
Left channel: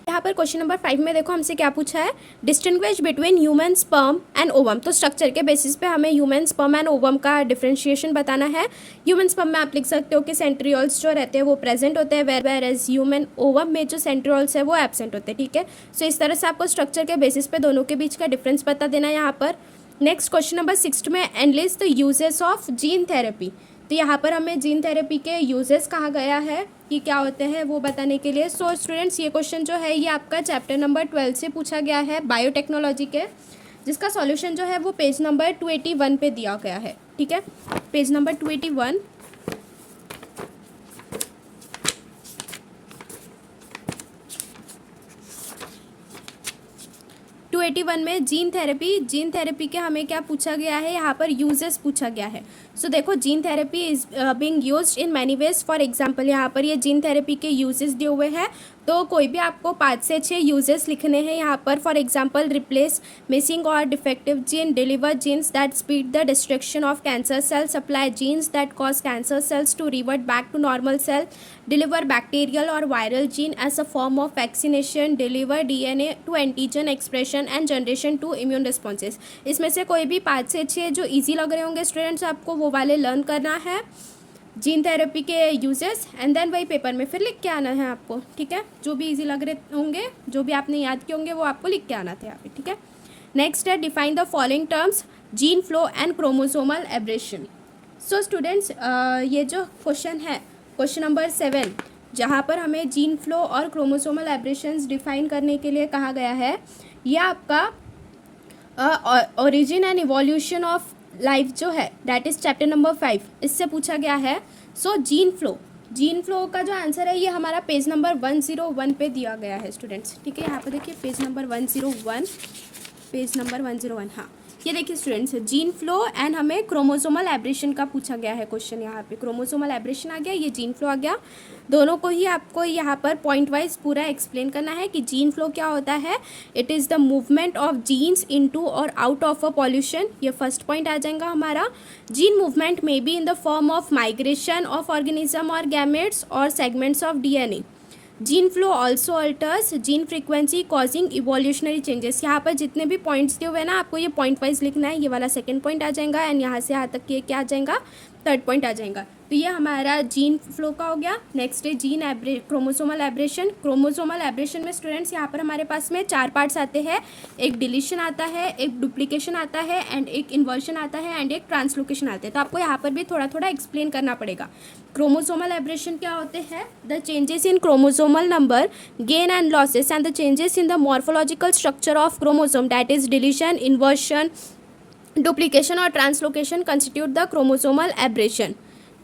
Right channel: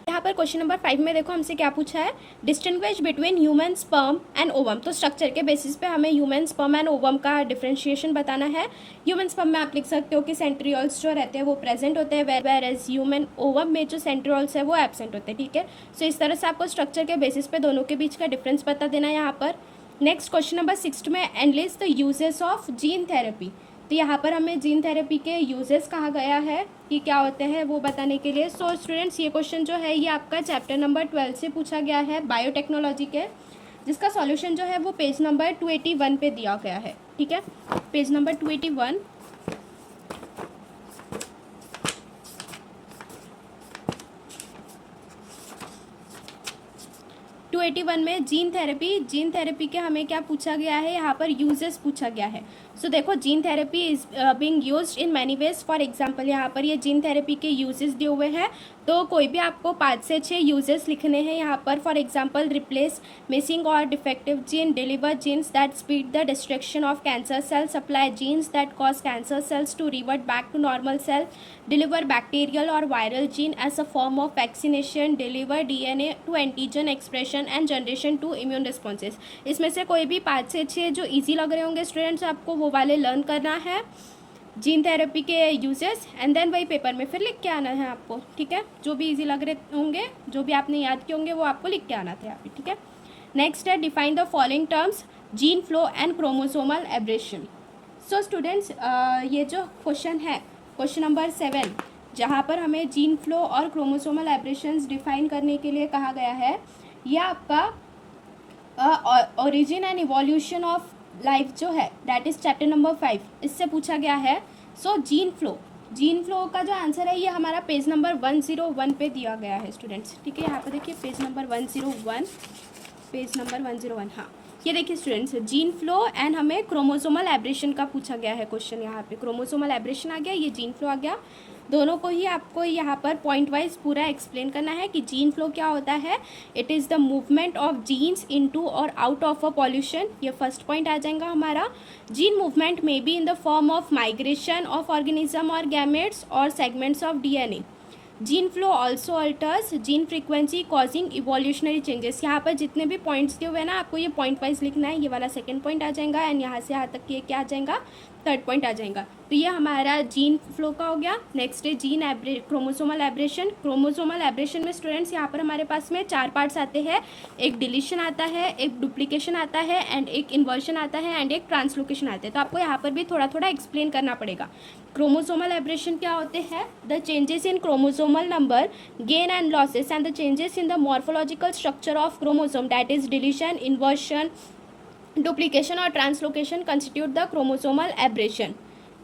यहाँ पर क्वेश्चन नंबर 5 में देखो हमसे क्या पूछा है, distinguish between human sperm and ovum. तो स्ट्रक्चर के बेसिस पे हमें ह्यूमन स्पर्म एंड ओवम का डिफरेंशिएशन बताना है। ह्यूमन स्पर्म में आप लिख सकते हो कि सेंट्रियोल्स जो रहते हैं वो प्रेजेंट होते हैं, वेर एज ह्यूमन ओवम में जो सेंट्रियोल्स है वो एब्सेंट होते हैं। ठीक है, सो इस तरह से आपको स्ट्रक्चर के बेसिस पे दोनों के बीच का डिफरेंस बता देना है यहाँ पर। नेक्स्ट क्वेश्चन नंबर 6 में analyse the uses of gene therapy. तो यहाँ पर हमें जीन थेरेपी के यूजेस कहा गया है कि क्या होते हैं वो बताने के लिए। सो स्टूडेंट्स, ये क्वेश्चन जो है ये आपका चैप्टर नंबर 12 से पूछा गया है, बायोटेक्नोलॉजी के, जिसका सॉल्यूशन जो है वो पेज नंबर 281 पे दिया गया है। ठीक है, पेज नंबर 281। में जीन थेरेपी के हमें क्या पूछा गया है, यहाँ पर यूजेस पूछा गया है। सो देखो, gene therapy is being used in many ways. For example यहाँ पर ये जीन थेरेपी के यूजेस दिए हुए हैं, तो कोई भी आपको 5 से 6 यूजेस लिखने हैं यहाँ पर। फॉर एग्जांपल, रिप्लेस मिसिंग और defective gene, deliver genes that speed the destruction of cancer cell, supply genes that cause cancer cells to revert back to normal cell, deliver bacterial और viral gene as a form of vaccination, deliver DNA to antigen expression and generation to immune responses. इसमें से कोई भी 5 से 6 जो easy लग रहे होंगे स्टूडेंट्स, आपको वो वाले लर्न करना है, जीन थेरेपी के यूजेस, एंड देन वही पेपर में फिर लिख के आना है आपको। ठीक है, जो भी इजी लग रहे होंगे, जो भी आपने याद किए होंगे वो आपको लिख के आना था यहाँ पे। ठीक है, नेक्स्ट है define the following terms, gene flow and chromosomal aberration. So students, ये जो क्वेश्चन है क्वेश्चन नंबर 7, जहाँ पर हमें जीन फ्लो और क्रोमोसोमल एब्रेशंस डिफाइन करने के लिए कहा गया है, यह आपका origin and evolution of life जो है, दैट इज चैप्टर नंबर 5, इससे पूछा गया है। सो जीन फ्लो का जो आंसर है ये हमारा पेज नंबर 101 पे दिया गया है स्टूडेंट्स। ठीक है, यहाँ पे देखिए पेज नंबर 101, हाँ ये देखिए स्टूडेंट्स, जीन फ्लो एंड हमें क्रोमोसोमल एब्रेशन का पूछा गया है क्वेश्चन। यहाँ पे क्रोमोसोमल एब्रेशन आ गया, ये जीन फ्लो आ गया। दोनों को ही आपको यहाँ पर पॉइंट वाइज पूरा एक्सप्लेन करना है कि जीन फ्लो क्या होता है। It is the movement of genes into और आउट ऑफ अ पॉल्यूशन, ये फर्स्ट पॉइंट आ जाएगा हमारा। Gene movement may be in the form of migration of organism और गैमेट्स और segments of DNA. Gene flow also alters gene frequency causing evolutionary changes. यहाँ पर जितने भी पॉइंट्स दिए हुए हैं ना, आपको ये पॉइंट वाइज लिखना है। ये वाला सेकंड पॉइंट आ जाएगा, एंड यहाँ से यहाँ तक ये क्या आ जाएगा, थर्ड पॉइंट आ जाएगा। तो ये हमारा जीन फ्लो का हो गया। नेक्स्ट है gene chromosomal aberration. Chromosomal aberration में स्टूडेंट्स यहाँ पर हमारे पास में 4 पार्ट्स आते हैं, एक डिलीशन आता है, एक डुप्लीकेशन आता है, एंड एक इन्वर्शन आता है, एंड एक ट्रांसलोकेशन आता है। तो आपको यहाँ पर भी थोड़ा थोड़ा एक्सप्लेन करना पड़ेगा। क्रोमोसोमल एब्रेशन क्या होते हैं, the changes in chromosomal number, gain and losses, and the changes in the morphological structure of chromosome, that is deletion, inversion, duplication और translocation constitute the chromosomal aberration.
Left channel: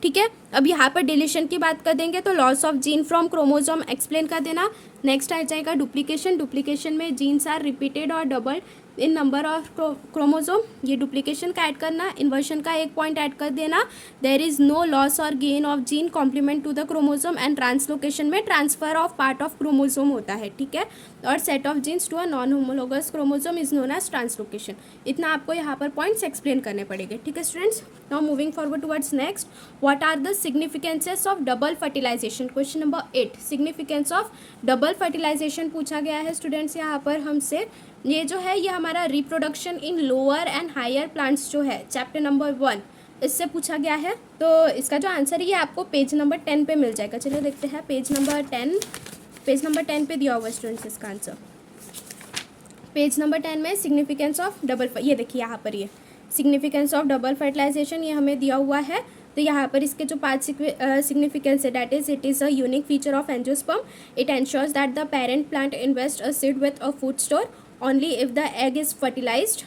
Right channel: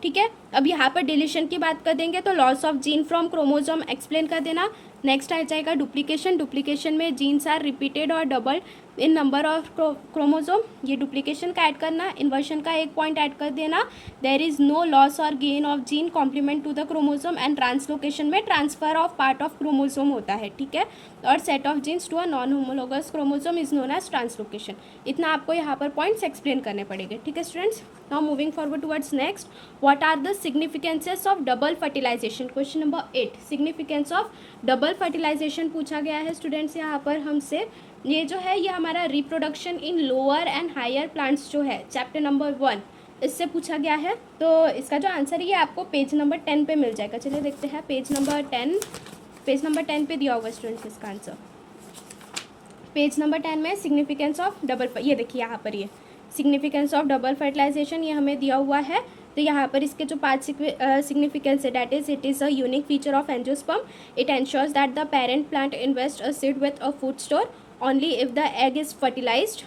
ठीक है, अब यहाँ पर डिलीशन की बात कर देंगे तो loss of gene from chromosome explain कर देना। नेक्स्ट आ जाएगा डुप्लीकेशन में जीन्स आर रिपीटेड और double in number of chromosome, ये डुप्लीकेशन का ऐड करना। इन्वर्शन का एक पॉइंट ऐड कर देना, देयर इज नो लॉस और gain of gene complement to the chromosome, and translocation में transfer of part of chromosome होता है। ठीक है, और set of genes to a non homologous chromosome is known as translocation. इतना आपको यहाँ पर पॉइंट्स एक्सप्लेन करने पड़ेंगे। ठीक है students, now moving forward towards next, what are the significances of double fertilization. Question number 8, significance of double fertilization पूछा गया है स्टूडेंट्स यहाँ पर हमसे। ये जो है ये हमारा reproduction in lower and higher plants जो है, चैप्टर नंबर 1, इससे पूछा गया है। तो इसका जो आंसर है ये आपको पेज नंबर 10 पे मिल जाएगा। चलिए देखते हैं, पेज नंबर 10 पे दिया हुआ स्टूडेंट्स इसका आंसर। पेज नंबर 10 में सिग्निफिकेंस ऑफ डबल, ये देखिए यहाँ पर ये सिग्निफिकेंस ऑफ डबल फर्टिलाइजेशन ये हमें दिया हुआ है। तो यहाँ पर इसके जो 5 सिग्निफिकेंस है, that is it is a unique feature of angiosperm, it ensures that the parent plant invest a seed with a food store only if the egg is fertilized.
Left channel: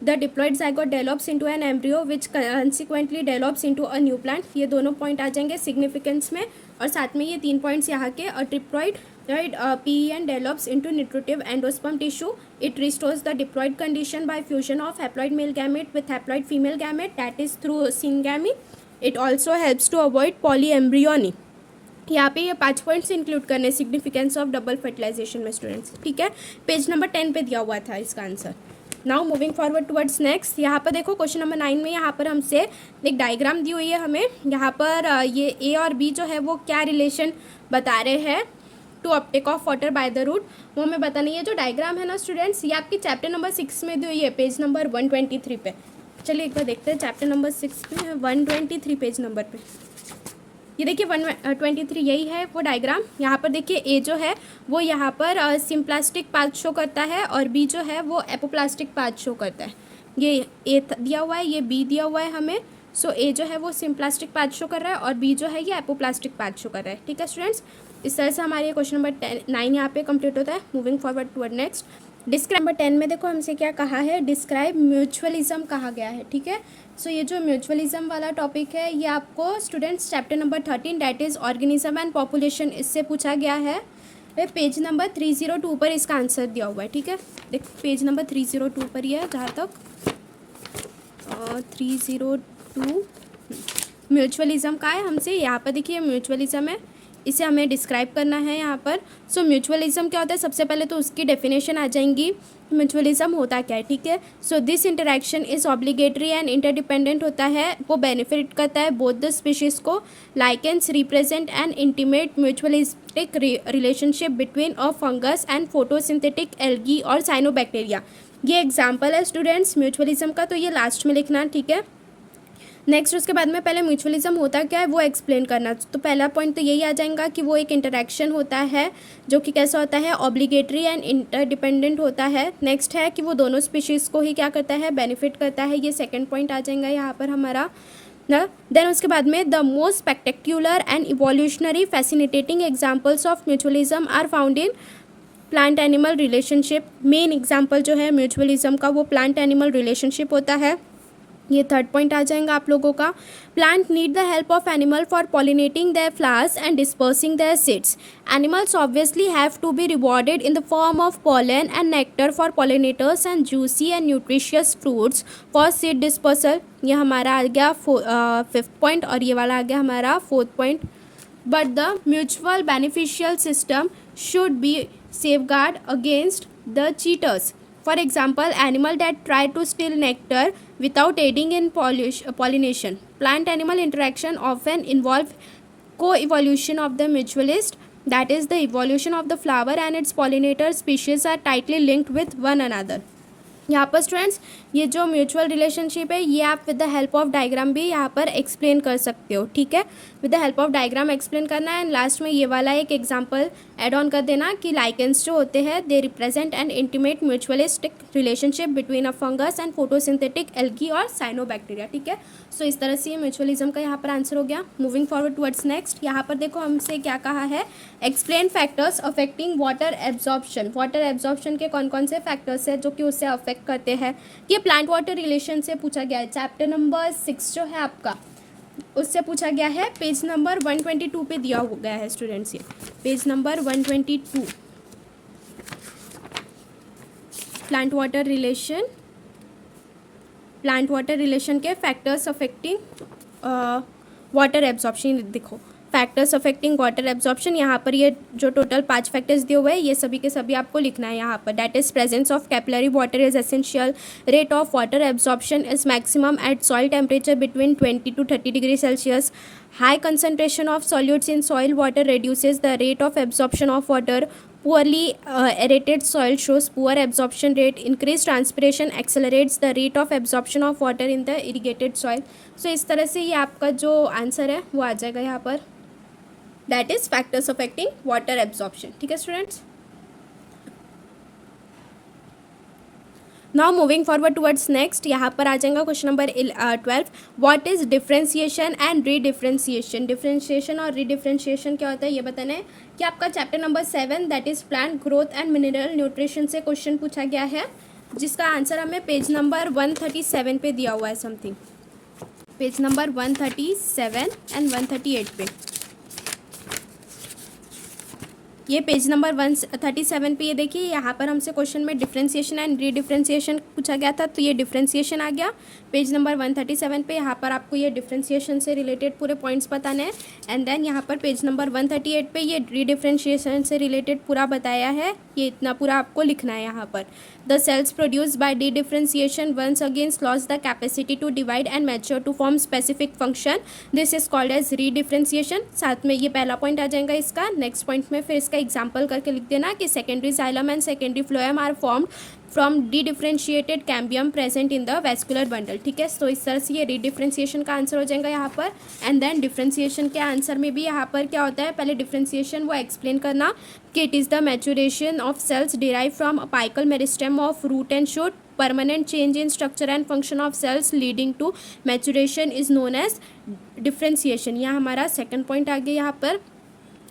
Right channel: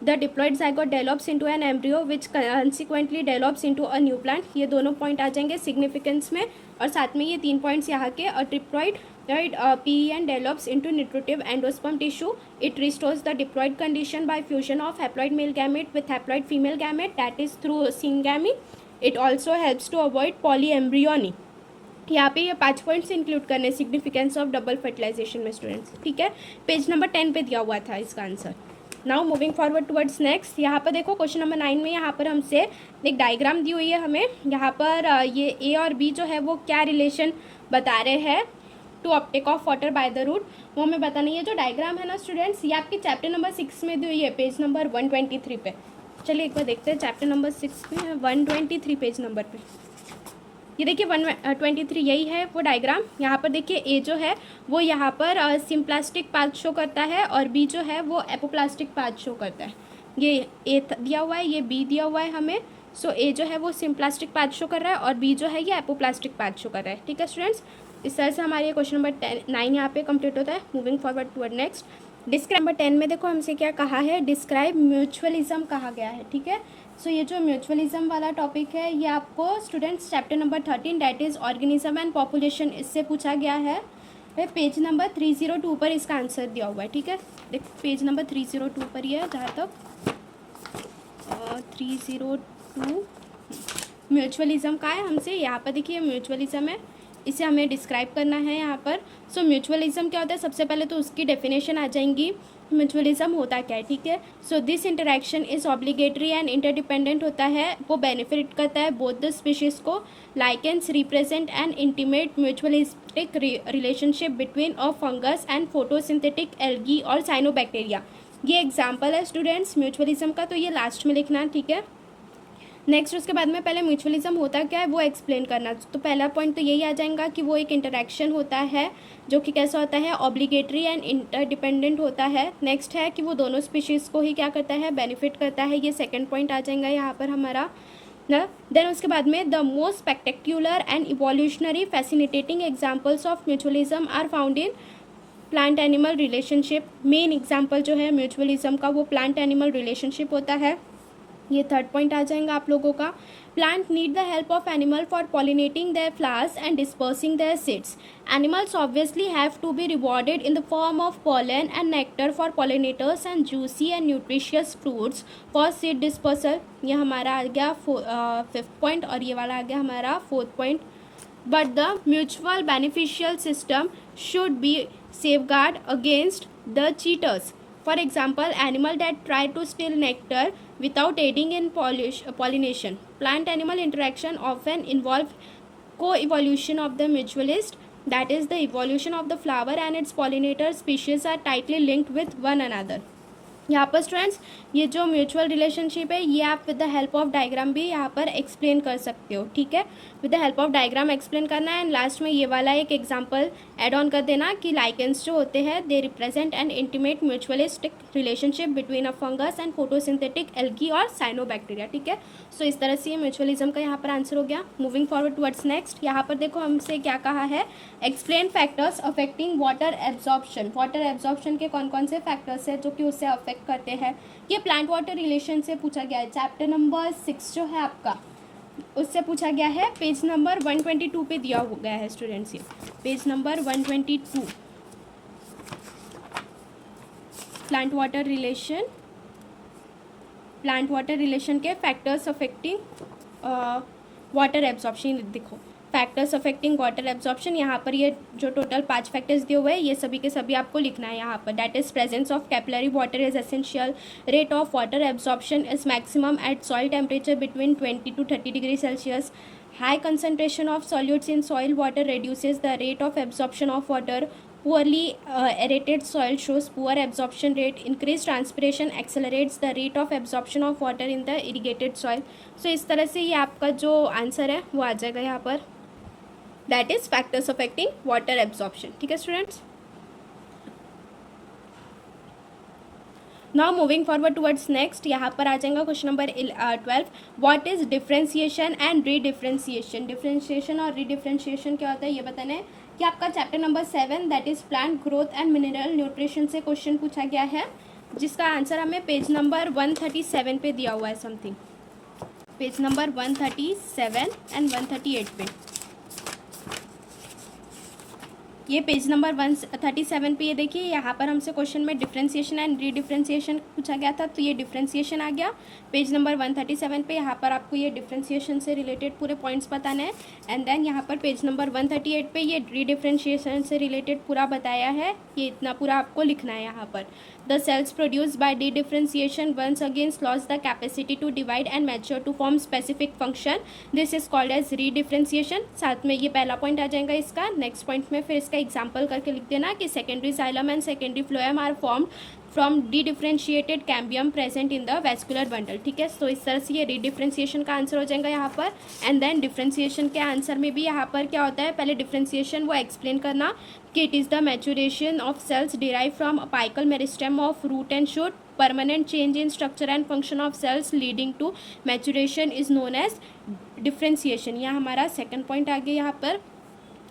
The diploid zygote develops into an embryo which consequently develops into a new plant. ये दोनों point आ जाएंगे significance में, और साथ में ये 3 points यहाँ के। अ triploid PEN develops into nutritive endosperm tissue. It restores the diploid condition by fusion of haploid male gamete with haploid female gamete, that is through syngamy. It also helps to avoid polyembryony. यहाँ पे ये 5 points include करने significance of double fertilisation में students, ठीक है। Page number 10 पे दिया हुआ था इसका answer. Now moving forward towards next, यहाँ पर देखो क्वेश्चन नंबर 9 में यहाँ पर हमसे एक डायग्राम दी हुई है हमें। यहाँ पर ये ए और बी जो है वो क्या रिलेशन बता रहे हैं to uptake of water by the root, वो हमें बताना। ये जो डायग्राम है ना स्टूडेंट्स, ये आपके चैप्टर नंबर 6 में दी हुई है, पेज नंबर 123 पे। चलिए एक बार देखते हैं चैप्टर नंबर 6 में 123 पेज नंबर पे। ये देखिए 123 यही है वो डायग्राम। यहाँ पर देखिए ए जो है वो यहाँ पर सिम्प्लास्टिक पाथ शो करता है और बी जो है वो एपोप्लास्टिक पाथ शो करता है। ये ए दिया हुआ है, ये बी दिया हुआ है हमें। सो ए जो है वो सिम्प्लास्टिक पाथ शो कर रहा है और बी जो है ये एपोप्लास्टिक पाथ शो कर रहा है, ठीक है स्टूडेंट्स। इस तरह से हमारे क्वेश्चन नंबर 9 यहाँ पे कंप्लीट होता है। Moving forward toward next, describe number 10 में देखो हमसे क्या कहा है, डिस्क्राइब म्यूचुअलिज्म कहा गया है, ठीक है। सो ये जो म्यूचुअलिज्म वाला टॉपिक है ये आपको students chapter number 13 that is organism and population, इससे पूछा गया है। पेज नंबर 302 पर इसका आंसर दिया हुआ है, ठीक है। देख पेज नंबर 302 पर ही है जहाँ तक 302 म्यूचुअलिज्म का है हमसे। यहाँ पर देखिए म्यूचुअलिज्म है, इसे हमें डिस्क्राइब करना है यहाँ पर। सो म्यूचुअलिज्म क्या होता है, सबसे पहले तो उसकी डेफिनेशन आ जाएंगी, म्यूचुअलिज्म होता क्या है, ठीक है। So this interaction is obligatory and interdependent होता है, वो बेनिफिट करता है बोथ द स्पीशीज़ को। Lichens represent N intimate mutualistic relationship between a fungus and photosynthetic algae और साइनोबैक्टीरिया। ये एग्जाम्पल है स्टूडेंट्स म्यूचुअलिज्म का, तो ये लास्ट में लिखना, ठीक है। नेक्स्ट उसके बाद में पहले म्यूचुअलिज्म होता क्या है वो एक्सप्लेन करना। तो पहला पॉइंट तो यही आ जाएगा कि वो एक इंटरेक्शन होता है जो कि कैसा होता है, ऑब्लिगेटरी एंड इंटरडिपेंडेंट होता है। नेक्स्ट है कि वो दोनों स्पीशीज़ को ही क्या करता है, बेनिफिट करता है, ये सेकंड पॉइंट आ जाएगा यहाँ पर हमारा ना। देन उसके बाद में the most spectacular and evolutionary fascinating examples of mutualism are found in plant animal relationship. Main example जो है म्यूचुअलिज्म का वो प्लांट एनिमल रिलेशनशिप होता है, ये थर्ड पॉइंट आ जाएगा आप लोगों का। Plant need the help of animal for pollinating their flowers and dispersing their seeds. Animals obviously have to be rewarded in the form of pollen and nectar for pollinators and juicy and nutritious fruits for seed dispersal. ये हमारा आ गया 5th point और ये वाला आ गया हमारा 4th point. But the mutual beneficial system should be safeguard against the cheaters. For example, animal that try to steal nectar without aiding in pollination. Plant-animal interaction often involve co-evolution of the mutualist, that is, the evolution of the flower and its pollinator species are tightly linked with one another. यहाँ पर students ये जो mutual relationship है ये आप with the help of diagram भी यहाँ पर एक्सप्लेन कर सकते हो, ठीक है। With the help of diagram explain करना है एंड लास्ट में ये वाला एक एग्जांपल ऐड ऑन कर देना कि लाइकेंस जो होते हैं they represent N intimate mutualistic relationship between a fungus and photosynthetic algae और साइनोबैक्टीरिया, ठीक है। सो इस तरह से ये म्यूचुअलिज्म का यहाँ पर आंसर हो गया। मूविंग फॉरवर्ड टुवर्ड्स नेक्स्ट, यहाँ पर देखो हमसे क्या कहा है, explain factors affecting water absorption. Water absorption के कौन कौन से फैक्टर्स हैं जो कि उससे अफेक्ट करते हैं, ये प्लांट वाटर रिलेशन से पूछा गया है। चैप्टर नंबर 6 जो है आपका उससे पूछा गया है, पेज नंबर 122 पे दिया हो गया है स्टूडेंट्स, ये page number 122 plant water relation के फैक्टर्स अफेक्टिंग वाटर एब्जॉर्प्शन। देखो फैक्टर्स अफेक्टिंग वाटर एब्जॉर्प्शन, यहाँ पर ये जो टोटल 5 फैक्टर्स दिए हुए हैं ये सभी के सभी आपको लिखना है यहाँ पर। That is presence of capillary water is essential, rate of water absorption is maximum at soil temperature between 20 to 30 degree Celsius, high concentration of solutes in soil water reduces the rate of absorption of water, poorly aerated soil shows poor absorption rate, increased transpiration accelerates the rate of absorption of water in the irrigated soil। so इस तरह से ये आपका जो answer है वो आ जाएगा यहाँ पर, that is factors affecting water absorption, ठीक है students. Now moving forward towards next, यहाँ पर आ जाएगा question number 12, what is differentiation and रीडिफरेंशिएशन। Differentiation और रीडिफरेंशिएशन क्या होता है ये बताना है कि आपका chapter number 7 that is plant growth and mineral nutrition से क्वेश्चन पूछा गया है। जिसका आंसर हमें पेज नंबर 137 पे दिया हुआ है समथिंग, पेज नंबर 137 एंड 138 पे। ये पेज नंबर 137 पे ये देखिए, यहाँ पर हमसे क्वेश्चन में डिफरेंशिएशन एंड रीडिफरेंशिएशन पूछा गया था, तो ये डिफरेंशिएशन आ गया पेज नंबर 137 पे। यहाँ पर आपको ये डिफरेंशिएशन से रिलेटेड पूरे पॉइंट्स बताने हैं। एंड देन यहाँ पर पेज नंबर 138 पे ये रीडिफरेंशिएशन से रिलेटेड पूरा बताया है, ये इतना पूरा आपको लिखना है यहाँ पर। The cells produce by dedifferentiation once against loss the capacity to divide and mature to form specific function, this is called as redifferentiation. साथ में ये पहला पॉइंट आ जाएगा इसका। नेक्स्ट पॉइंट में फिर इसका एग्जाम्पल करके लिख देना कि secondary xylem and secondary phloem are formed from dedifferentiated cambium present in the vascular bundle. ठीक है, तो इस तरह से ये रीडिफ्रेंशिएशन का आंसर हो जाएगा यहाँ पर। एंड देन डिफ्रेंशिएशन के आंसर में भी यहाँ पर क्या होता है, पहले डिफ्रेंशिएशन वो एक्सप्लेन करना कि it is the maturation of cells derive from apical meristem of root and shoot, permanent change in structure and function of cells leading to maturation is known as differentiation. यह हमारा second point आ गया यहाँ पर।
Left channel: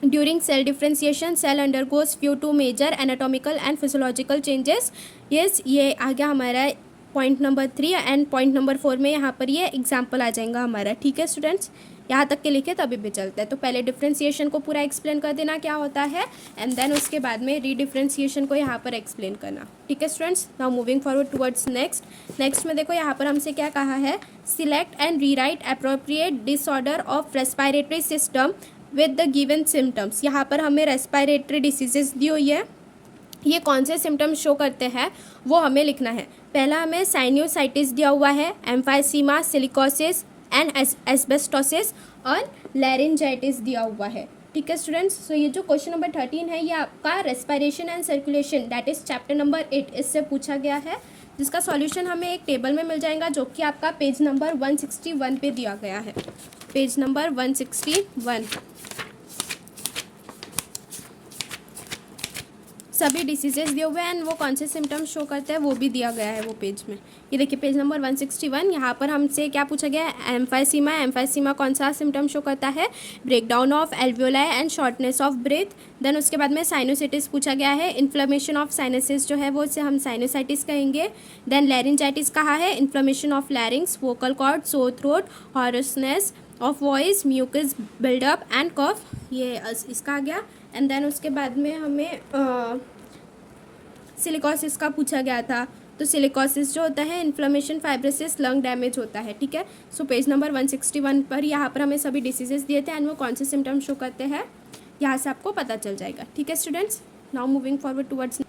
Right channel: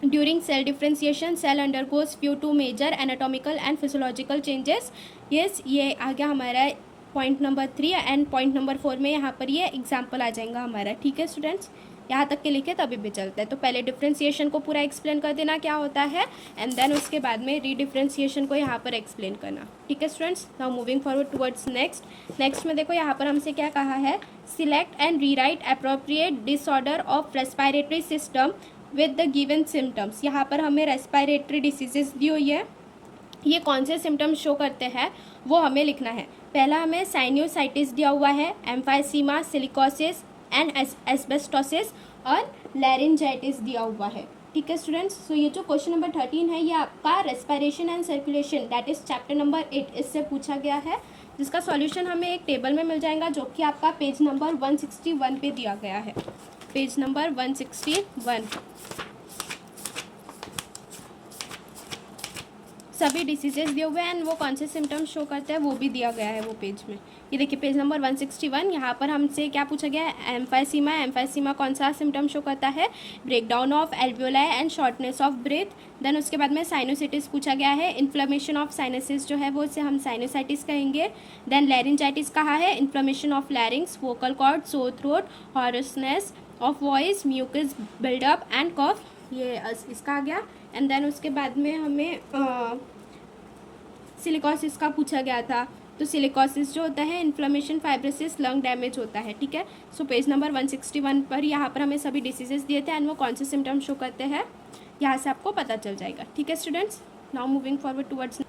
During cell differentiation, cell undergoes few two major anatomical and physiological changes. Yes, ये आ गया हमारा point number 3 and point number 4 में यहाँ पर ये एग्जाम्पल आ जाएगा हमारा। ठीक है स्टूडेंट्स, यहाँ तक के लिखे तभी भी चलता है। तो पहले डिफ्रेंशिएशन को पूरा एक्सप्लेन कर देना क्या होता है, एंड देन उसके बाद में रीडिफ्रेंशिएशन को यहाँ पर एक्सप्लेन करना। ठीक है students, now moving forward towards next में देखो यहाँ पर हमसे क्या कहा है, select and rewrite appropriate disorder of respiratory system with the given symptoms. यहाँ पर हमें रेस्पिरेटरी डिसीजेज दी हुई है, ये कौन से सिम्टम्स शो करते हैं वो हमें लिखना है। पहला हमें साइनोसाइटिस दिया हुआ है, एम्फाइसीमा, सिलिकोसिस एंड एस्बेस्टोसिस और लैरिंजाइटिस दिया हुआ है। ठीक है स्टूडेंट्स, तो ये जो क्वेश्चन नंबर 13 है ये आपका respiration and circulation that is chapter number 8 इससे पूछा गया है, जिसका सॉल्यूशन हमें एक टेबल में मिल जाएगा जो कि आपका पेज नंबर 161 पे दिया गया है। पेज नंबर 161 सभी डिसीजेस दिए हुए हैं एंड वो कौन से सिम्टम्स शो करते हैं वो भी दिया गया है वो पेज में। ये देखिए पेज नंबर 161, यहाँ पर हमसे क्या पूछा गया है, एम्फाइसीमा। एम्फाइसीमा कौन सा सिम्टम शो करता है, breakdown of alveoli and shortness of breath. Then उसके बाद में साइनोसाइटिस पूछा गया है, इन्फ्लेमेशन ऑफ साइनसिस जो है वो इसे हम साइनोसाइटिस कहेंगे। देन लैरिंजाइटिस कहा है, inflammation of larynx, vocal cord, sore throat, hoarseness of voice, mucus buildup and cough, ये इसका आ गया। एंड देन उसके बाद में हमें सिलिकोसिस का पूछा गया था, तो सिलिकोसिस जो होता है इन्फ्लेमेशन, फाइब्रोसिस, लंग डैमेज होता है। ठीक है, सो पेज नंबर 161 पर यहाँ पर हमें सभी डिसीजेस दिए थे एंड वो कौन से सिम्टम्स शो करते हैं यहाँ से आपको पता चल जाएगा। ठीक है students, now moving forward towards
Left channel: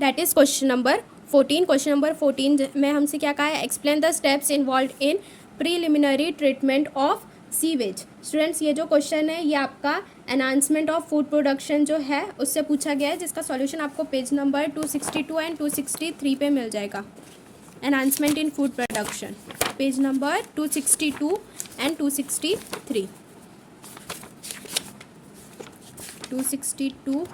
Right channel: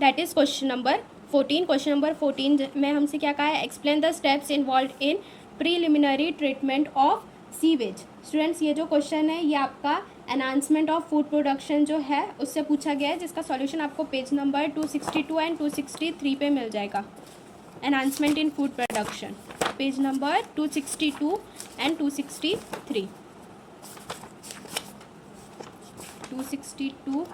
that is question number 14। Question number 14 में हमसे क्या कहा है, explain the steps involve in preliminary treatment of sewage. Students ये जो क्वेश्चन है ये आपका एनहांसमेंट ऑफ फूड प्रोडक्शन जो है उससे पूछा गया है, जिसका सॉल्यूशन आपको पेज नंबर 262 एंड 263 पे मिल जाएगा। Enhancement in food production page number 262 and 263। 262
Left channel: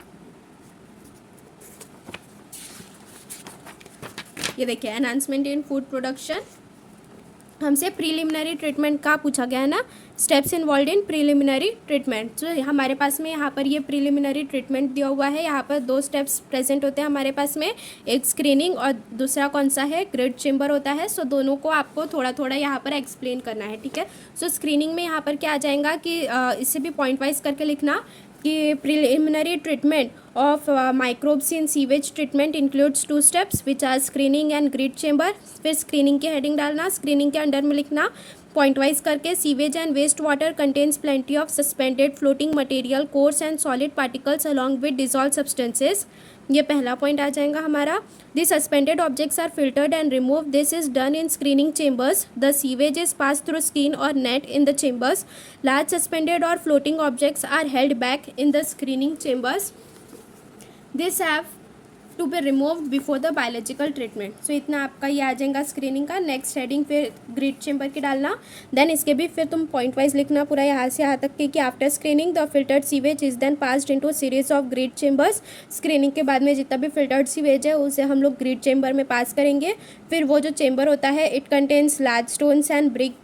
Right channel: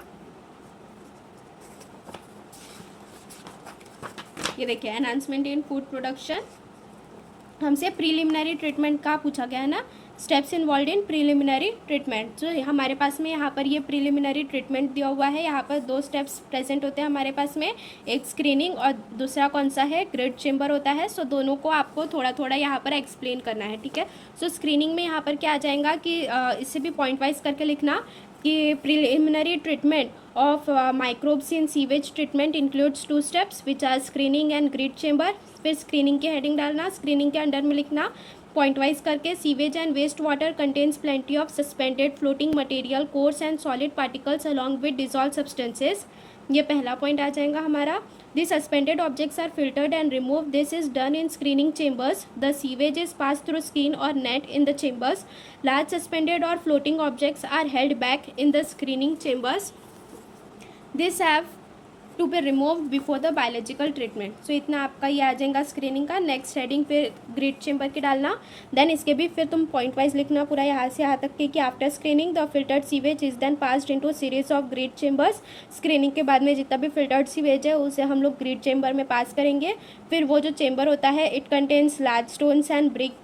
ये देखिए एनहांसमेंट इन फूड प्रोडक्शन। हमसे प्रीलिमिनरी ट्रीटमेंट का पूछा गया है ना, स्टेप्स इन्वॉल्व इन प्रीलिमिनरी ट्रीटमेंट। तो हमारे पास में यहाँ पर ये प्रीलिमिनरी ट्रीटमेंट दिया हुआ है, यहाँ पर 2 स्टेप्स प्रेजेंट होते हैं हमारे पास में, एक स्क्रीनिंग और दूसरा कौन सा है, ग्रिड चेम्बर होता है। सो दोनों को आपको थोड़ा थोड़ा यहाँ पर एक्सप्लेन करना है। ठीक है, सो स्क्रीनिंग में यहाँ पर क्या आ जाएगा कि इससे भी पॉइंट वाइज करके लिखना कि preliminary treatment of microbes in sewage treatment includes 2 steps which are screening and grid chamber। फिर स्क्रीनिंग की हेडिंग डालना, स्क्रीनिंग के अंडर में लिखना पॉइंट वाइज करके, sewage and waste water contains plenty of suspended floating material, coarse and solid particles along with dissolve substances. ये पहला point आ जाएगा हमारा। The suspended objects are filtered and remove, this is done in screening chambers. The sewage is pass through skin और net in the chambers. Large suspended और floating objects are held back in the screening chambers. This have to be remove before the biological treatment. So इतना आपका ये आ जाएगा screening का। Next heading फिर grid chamber की डालना, देन इसके भी फिर तुम पॉइंट वाइज लिखना पूरा यहाँ से यहाँ तक कि after screening the filtered sewage is then passed into series of grit chambers. Screening के बाद में जितना भी फिल्टर्ड सीवेज है उसे हम लोग ग्रिड चेम्बर में पास करेंगे। फिर वो जो चेम्बर होता है it contains large stones and brick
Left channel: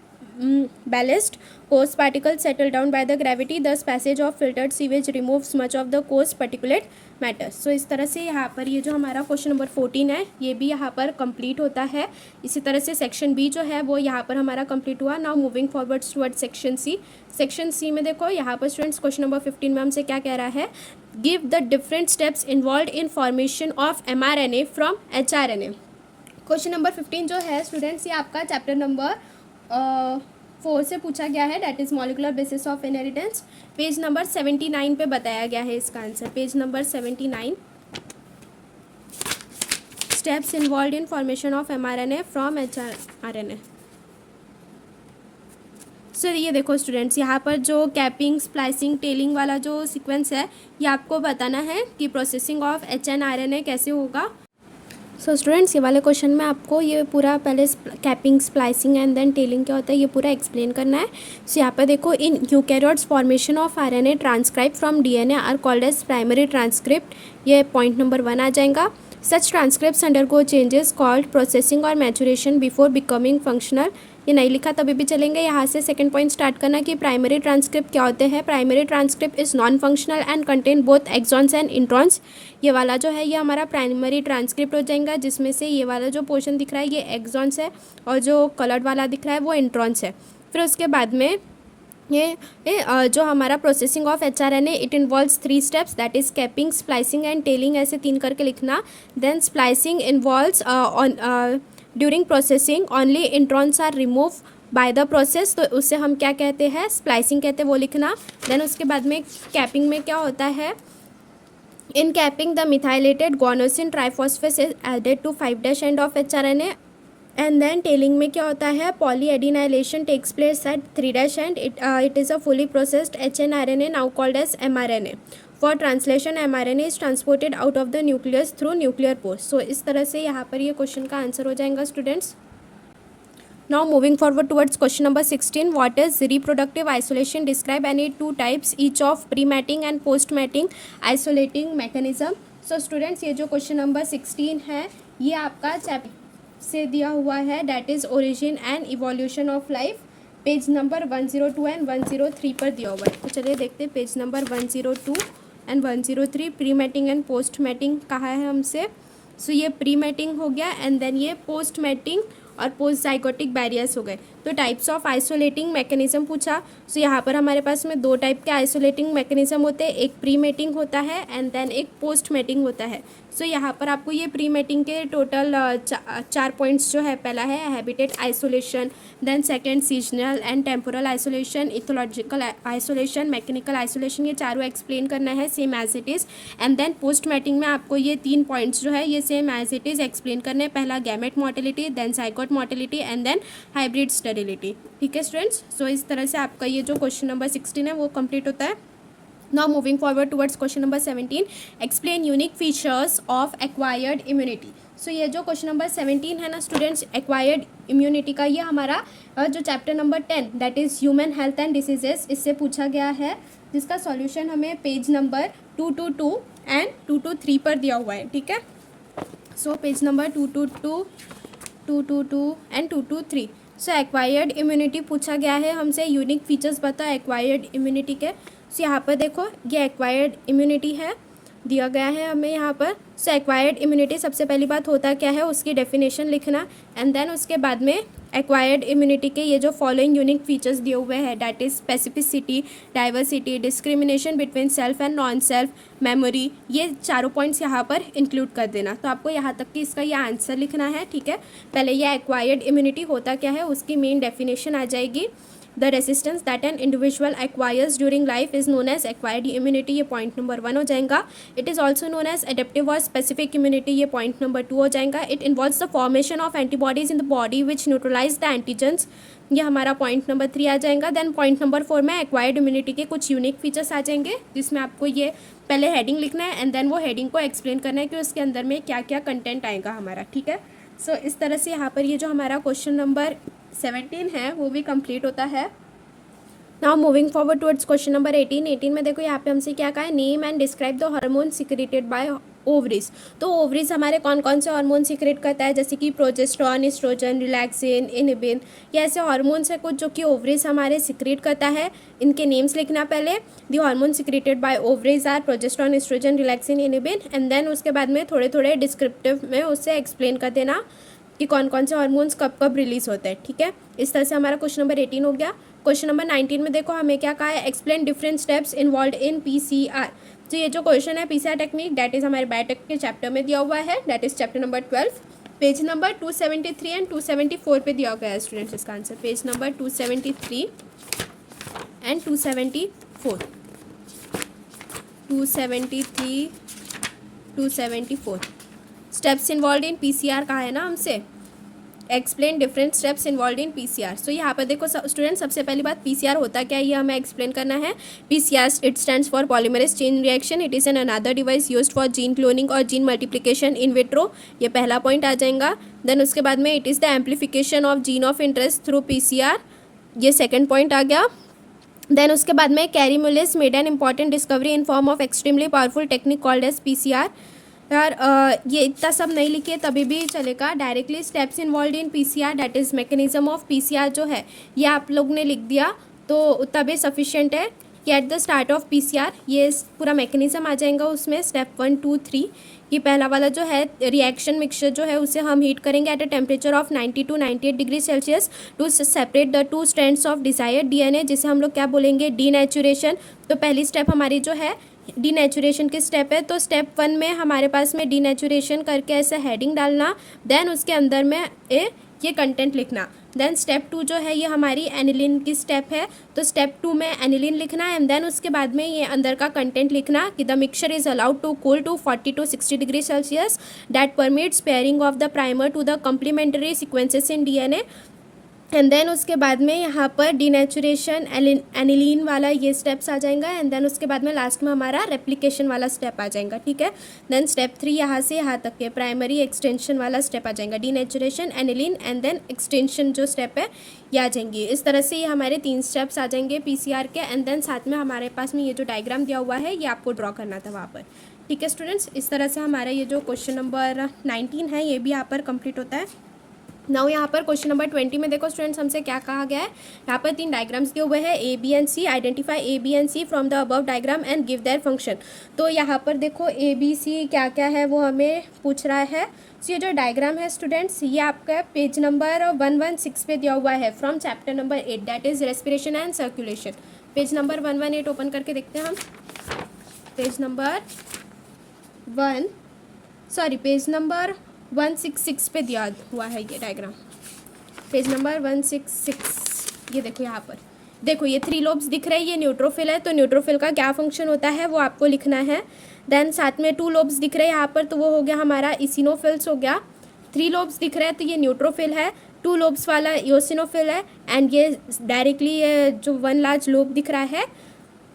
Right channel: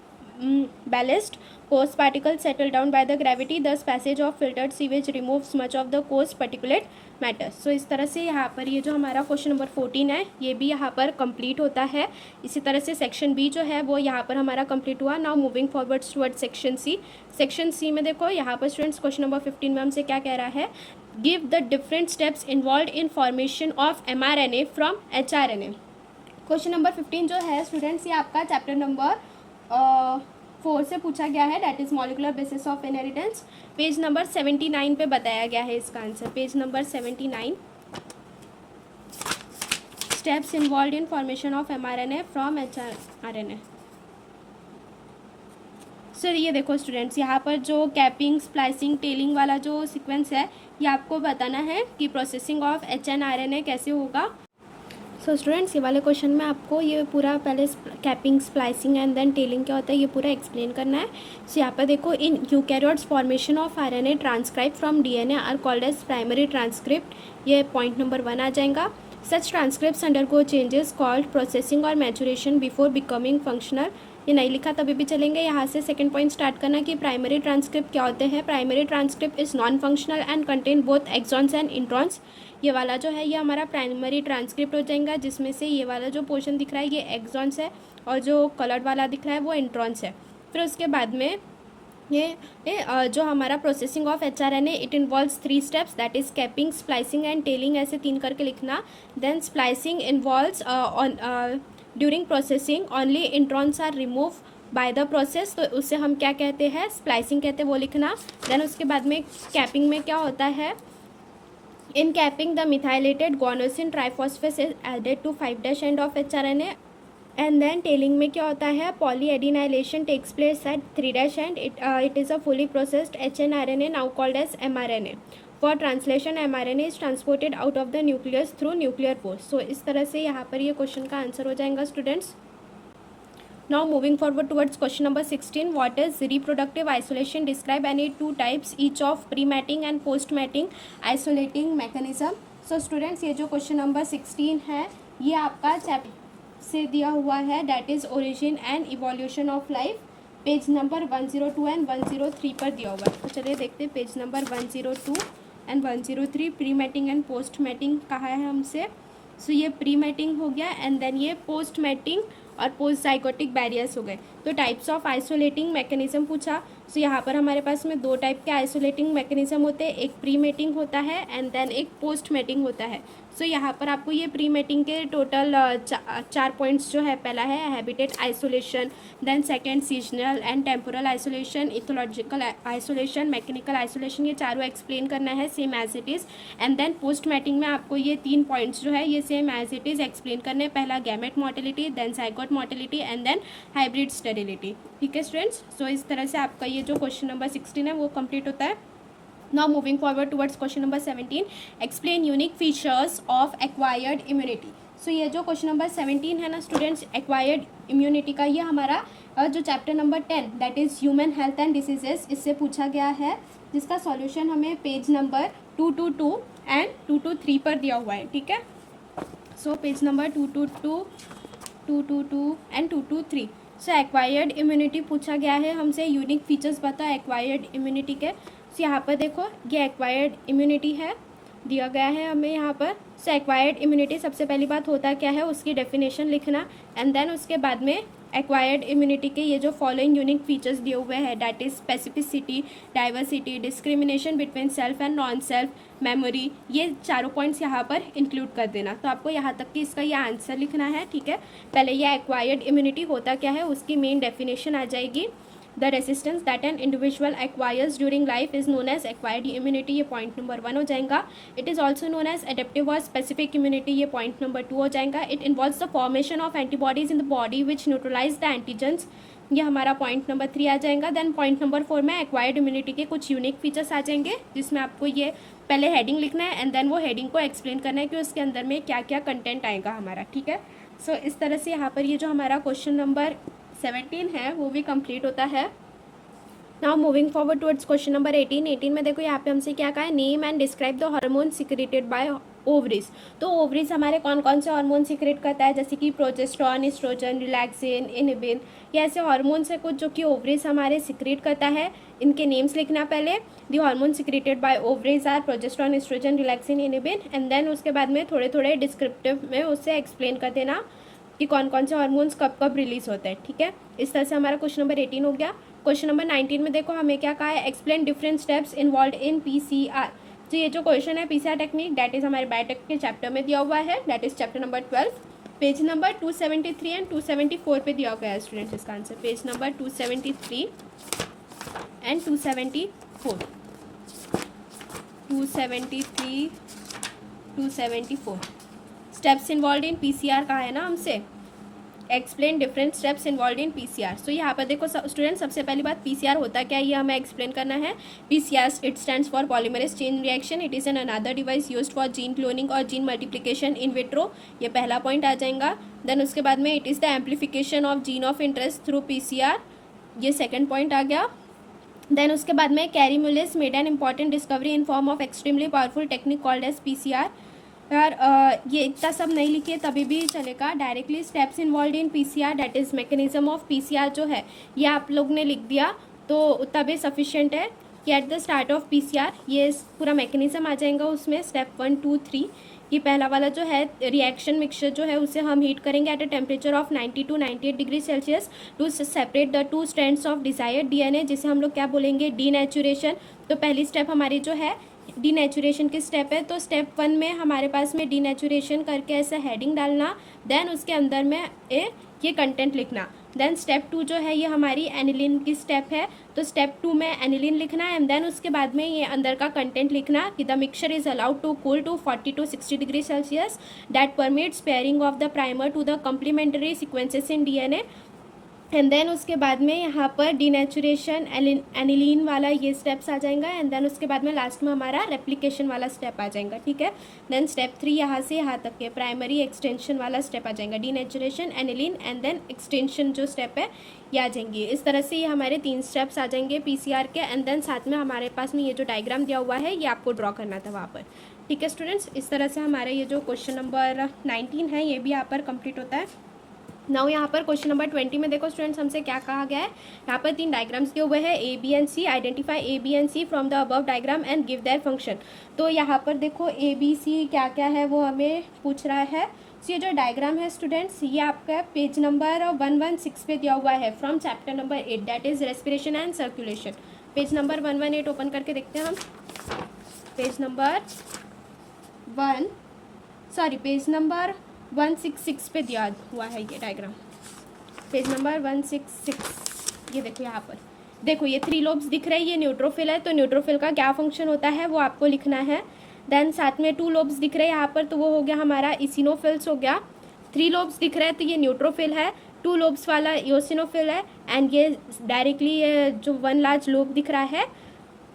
ballast. coarse particles settle down by the gravity, thus passage of filtered sewage removes much of the coarse particulate matter. So इस तरह से यहाँ पर ये जो हमारा क्वेश्चन नंबर 14 है ये भी यहाँ पर कंप्लीट होता है. इसी तरह से सेक्शन बी जो है वो यहाँ पर हमारा कंप्लीट हुआ. Now moving forward toward section C. Section C में देखो यहाँ पर स्टूडेंट्स क्वेश्चन नंबर 15 में हमसे क्या कह रहा है, give the different steps involve in formation of mRNA from hRNA. Question number 15 जो है स्टूडेंट्स ये आपका चैप्टर नंबर 4 से पूछा गया है, that is molecular basis of inheritance. Page number 79 पे बताया गया है इसका answer. Page number 79, steps involve in formation of mRNA from hRNA. सो ये देखो स्टूडेंट्स यहाँ पर जो कैपिंग, स्प्लाइसिंग, टेलिंग वाला जो सीक्वेंस है ये आपको बताना है कि प्रोसेसिंग ऑफ hRNA कैसे होगा. सो स्टूडेंट्स ये वाले क्वेश्चन में आपको ये पूरा पहले capping, splicing and then tailing क्या होता है ये पूरा एक्सप्लेन करना है. सो यहाँ पर देखो, in eukaryotes formation of RNA transcribe from DNA are called as primary transcript. ये पॉइंट नंबर 1 आ जाएगा. Such transcripts undergo changes called processing और मैचुरेशन बिफोर बिकमिंग फंक्शनल. ये नहीं लिखा तभी भी चलेंगे. यहाँ से सेकंड पॉइंट स्टार्ट करना कि प्राइमरी ट्रांसक्रिप्ट क्या होते हैं. Primary transcript is non functional and contain both exons and introns. ये वाला जो है ये हमारा प्राइमरी ट्रांसक्रिप्ट हो जाएगा, जिसमें से ये वाला जो पोर्शन दिख रहा है ये एक्सॉन्स है और जो कलर्ड वाला दिख रहा है वो इंट्रॉन्स है. फिर उसके बाद में ये जो हमारा processing of hRNA it involves 3 steps, that is capping, splicing and tailing. ऐसे 3 करके लिखना. Then splicing involves during processing only introns are remove by the process. तो उससे हम क्या कहते हैं, स्प्लाइसिंग कहते हैं, वो लिखना. देन उसके बाद में कैपिंग में क्या होता है, in capping the methylated guanosine triphosphate is added to 5' end of hRNA. And then tailing में क्या होता है, polyadenylation takes place at 3' end it is a fully processed hRNA now called as mRNA. For translation mRNA is transported out of the nucleus through nuclear pores. So इस तरह से यहाँ पर ये क्वेश्चन का आंसर हो जाएगा students. Now moving forward towards question number 16. What is reproductive isolation? Describe any 2 types each of pre mating and post mating isolating mechanism. So students ये जो क्वेश्चन नंबर 16 है ये आपका चैप्टर से दिया हुआ है, that is origin and evolution of life. Page number 102 and 103 पर दिया हुआ है. तो चलिए देखते हैं page number 102 and 103. Pre mating and post mating कहा है हमसे. सो ये प्री मैटिंग हो गया एंड देन ये पोस्ट मैटिंग और पोस्ट जाइगोटिक बैरियर्स हो गए. तो टाइप्स ऑफ आइसोलेटिंग मैकेनिज्म पूछा. सो यहाँ पर हमारे पास में 2 टाइप के आइसोलेटिंग मैकेनिज्म होते हैं, एक प्री मैटिंग होता है एंड देन एक पोस्ट मैटिंग होता है. सो यहाँ पर आपको ये प्री मैटिंग के टोटल 4 पॉइंट्स जो है, पहला है habitat isolation, then second seasonal and temporal isolation, ethological isolation, mechanical isolation, ये चारों एक्सप्लेन करना है same as it is. And then post mating में आपको ये 3 पॉइंट्स जो है ये same as it is explain करने हैं. पहला gamete motility, then zygote motility and then hybrid sterility. ठीक है स्टूडेंट्स. सो इस तरह से आपका ये जो क्वेश्चन नंबर 16 है वो कंप्लीट होता है. Now moving forward towards question number 17. Explain unique features of acquired immunity. So ये जो क्वेश्चन नंबर 17 है ना स्टूडेंट्स, एक्वायर्ड इम्यूनिटी का, ये हमारा जो chapter number 10 that is human health and diseases इससे पूछा गया है, जिसका सॉल्यूशन हमें पेज नंबर 222 एंड 223 पर दिया हुआ है. ठीक है. So page number 222, 222 and 223. So acquired immunity पूछा गया है हमसे. यूनिक फीचर्स बता एक्वायर्ड इम्यूनिटी के. सो यहाँ पर देखो ये एक्वायर्ड इम्यूनिटी है, दिया गया है हमें यहाँ पर. सो एक्वायर्ड इम्यूनिटी सबसे पहली बात होता क्या है उसकी डेफिनेशन लिखना. एंड देन उसके बाद में एक्वायर्ड इम्यूनिटी के ये जो फॉलोइंग यूनिक फीचर्स दिए हुए हैं, that is specificity, diversity, discrimination between self and non self, memory, ये चारों पॉइंट्स यहाँ पर इंक्लूड कर देना. तो आपको यहाँ तक कि इसका ये आंसर लिखना है. ठीक है. पहले ये एक्वायर्ड इम्यूनिटी होता क्या है उसकी मेन डेफिनेशन आ जाएगी. The resistance that an individual acquires during life is known as acquired immunity. ये पॉइंट नंबर 1 हो जाएगा. It is also known as adaptive और स्पेसिफिक इम्यूनिटी. ये पॉइंट नंबर 2 हो जाएगा. It involves the formation of antibodies in the body which neutralize the antigens. ये हमारा point number 3 आ जाएगा. देन पॉइंट नंबर 4 में एक्वायर्ड इम्यूनिटी के कुछ यूनिक फीचर्स आ जाएंगे, जिसमें आपको ये पहले हेडिंग लिखना है एंड देन वो हेडिंग को एक्सप्लेन करना है कि उसके अंदर में क्या क्या कंटेंट आएगा हमारा. ठीक है. सो इस तरह से यहाँ पर ये जो हमारा क्वेश्चन नंबर 17 है वो भी कंप्लीट होता है. Now moving forward towards question number 18 में देखो यहाँ पे हमसे क्या कहा है, name and describe the hormone secreted by ovaries. तो ओवरीज हमारे कौन कौन से हार्मोन सिक्रेट करता है, जैसे कि प्रोजेस्टेरॉन, एस्ट्रोजन, रिलैक्सिन, इनहिबिन, ये ऐसे हार्मोन्स है कुछ जो कि ओवरीज हमारे सिक्रेट करता है। इनके नेम्स लिखना पहले, the hormone secreted by ovaries are progesterone, estrogen, relaxin, inhibin, and then उसके बाद में थोड़े थोड़े डिस्क्रिप्टिव में उससे एक्सप्लेन कर देना कि कौन कौन से हार्मोन्स कब कब रिलीज होते हैं। ठीक है, इस तरह से हमारा क्वेश्चन नंबर 18 हो गया। क्वेश्चन नंबर 19 में देखो हमें क्या कहा है, explain different steps involve in PCR. तो ये जो क्वेश्चन है पीसीआर टेक्निक, दैट इज हमारे बायोटेक के चैप्टर में दिया हुआ है, that is chapter number 12, page number 273 and 274 पे दिया गया है स्टूडेंट्स इसका answer, page number 273 and 274, 273, 274। Steps involve in PCR कहा है ना हमसे, explain different steps involve in PCR. So यहाँ पर देखो स्टूडेंट, सबसे पहली बात पीसीआर होता क्या है ये हमें एक्सप्लेन करना है। PCR it stands for polymerase chain reaction, it is an another device used for gene cloning और जीन मल्टीप्लिकेशन इन विट्रो, ये पहला पॉइंट आ जाएगा। देन उसके बाद में it is the amplification of gene of interest through PCR, ये सेकेंड पॉइंट आ गया। देन उसके बाद में Kary Mullis made an important discovery in form of extremely powerful technique called as PCR. यार ये इतना सब नहीं लिखे तभी भी चलेगा, directly steps involve in PCR that is mechanism of PCR जो है ये आप लोग ने लिख दिया तो तभी सफिशिएंट है कि at the start of PCR ये पूरा मैकेनिज्म आ जाएगा उसमें, स्टेप 1, 2, 3। ये पहला वाला जो है रिएक्शन मिक्सचर जो है उसे हम हीट करेंगे at a temperature of 90 to 98 degree Celsius to separate the two strands of desired DNA, जिसे हम लोग क्या बोलेंगे, डीनेचुरेशन। तो पहली स्टेप हमारी जो है डीनेचुरेशन की स्टेप है, तो स्टेप 1 में हमारे पास में डीनेचुरेशन करके ऐसे हेडिंग डालना, देन उसके अंदर में ये कंटेंट लिखना। देन स्टेप 2 जो है ये हमारी एनिलिन की स्टेप है, तो स्टेप 2 में एनिलिन लिखना है एंड देन उसके बाद में ये अंदर का कंटेंट लिखना कि the mixture is allowed to cool to 40 to 60 degree Celsius that permits pairing of the primer to the complementary sequences in DNA. And then उसके बाद में यहाँ पर डीनेचुरेशन एनिलीन वाला ये स्टेप्स आ जाएगा एंड देन उसके बाद में लास्ट में हमारा रेप्लिकेशन वाला स्टेप आ जाएगा। ठीक है, देन स्टेप 3 यहाँ से यहाँ तक के प्राइमरी एक्सटेंशन वाला स्टेप आ जाएगा, denaturation, annealing and then extension जो स्टेप है ये आ जाएंगी। इस तरह से ये हमारे 3 स्टेप्स आ जाएंगे पीसीआर के एंड देन साथ में हमारे पास में ये जो डायग्राम दिया हुआ है ये आपको ड्रॉ करना था वहाँ पर। ठीक है स्टूडेंट्स, इस तरह से हमारा ये जो क्वेश्चन नंबर 19 है ये भी यहाँ पर कंप्लीट होता है। नाउ यहाँ पर क्वेश्चन नंबर 20 में देखो स्टूडेंट्स हमसे क्या कहा गया है, यहाँ पर 3 डायग्राम्स दिए हुए हैं A B and C, identify A B and C from the above diagram and give their function. तो यहाँ पर देखो ए बी सी क्या क्या है वो हमें पूछ रहा है। तो ये जो डायग्राम है स्टूडेंट्स ये आपका पेज नंबर 116 पे दिया हुआ है from chapter number 8 that is respiration and circulation. Page number 118 open करके देखते हैं हम, पेज नंबर 166 पे दिया हुआ है ये डायग्राम, पेज नंबर 166। ये देखो यहाँ पर देखो ये 3 लोब्स दिख रहे हैं, ये न्यूट्रोफिल है, तो न्यूट्रोफिल का क्या फंक्शन होता है वो आपको लिखना है। देन साथ में 2 लोब्स दिख रहे हैं यहाँ पर, तो वो हो गया हमारा इसिनोफिल्स हो गया। 3 लोब्स दिख रहे हैं तो ये न्यूट्रोफिल है, 2 लोब्स वाला इओसिनोफिल है एंड ये डायरेक्टली ये जो 1 लार्ज लोब दिख रहा है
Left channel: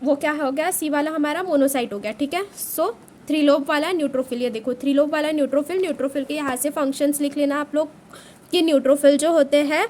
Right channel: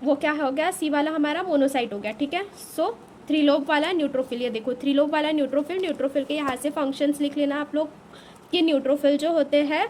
वो क्या हो गया, सी वाला हमारा मोनोसाइट हो गया। ठीक है, सो 3 लोब वाला न्यूट्रोफिल, ये देखो 3 लोब वाला न्यूट्रोफिल के यहाँ से फंक्शंस लिख लेना आप लोग कि न्यूट्रोफिल जो होते हैं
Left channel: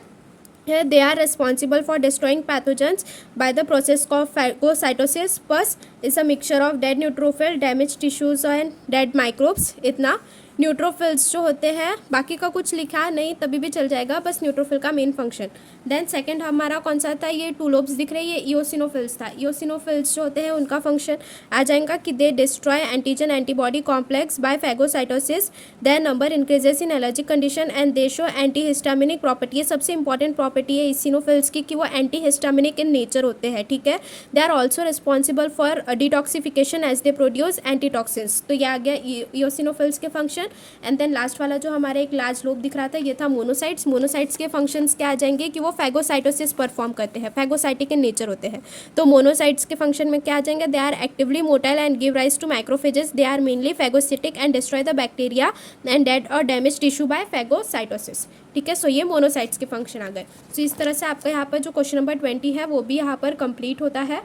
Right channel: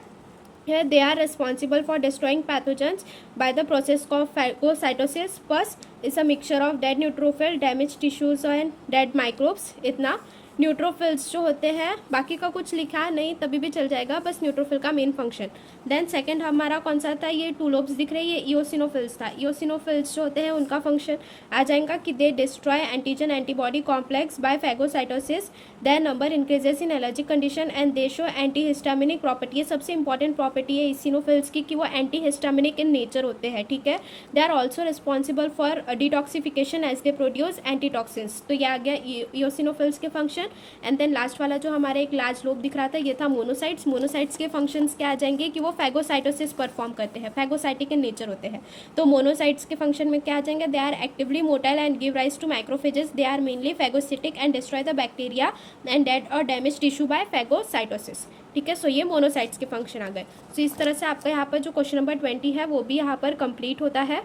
they are responsible for destroying pathogens by the process of phagocytosis. Pus is a mixture of dead neutrophil, damage tissues and dead microbes. इतना न्यूट्रोफिल्स जो होते हैं, बाकी का कुछ लिखा नहीं तभी भी चल जाएगा, बस न्यूट्रोफिल का मेन फंक्शन। देन सेकंड हमारा कौन सा था, ये 2 लोब्स दिख रहे हैं, ये इओसिनोफिल्स था। इओसिनोफिल्स जो होते हैं उनका फंक्शन आ जाएगा कि they destroy antigen antibody complex by phagocytosis, their number increases in allergic condition and they show anti histaminic property. ये सबसे इंपॉर्टेंट प्रॉपर्टी है इसिनोफिल्स की कि वो एंटी हिस्टामिनिक इन नेचर होते हैं। ठीक है, they are also responsible for detoxification as they produce antitoxins. तो ये आ गया इओसिनोफिल्स के फंक्शन। एंड देन लास्ट वाला जो हमारा एक लार्ज लोब दिख रहा था ये था मोनोसाइट्स। मोनोसाइट्स के फंक्शंस क्या आ जाएंगे कि वो फैगोसाइटोसिस परफॉर्म करते हैं, फैगोसाइटिक इन नेचर होते हैं। तो मोनोसाइट्स के फंक्शन में क्या आ जाएंगे, they are actively motile and give rise to microphages, they are mainly phagocytic and destroy the bacteria and dead और डैमेज टिश्यू बाय फैगोसाइटोसिस। ठीक है, सो ये मोनोसाइट्स के फंक्शन आ गए। सो इस तरह से आपका यहाँ पर जो क्वेश्चन नंबर 20 है वो भी यहाँ पर कंप्लीट होता है।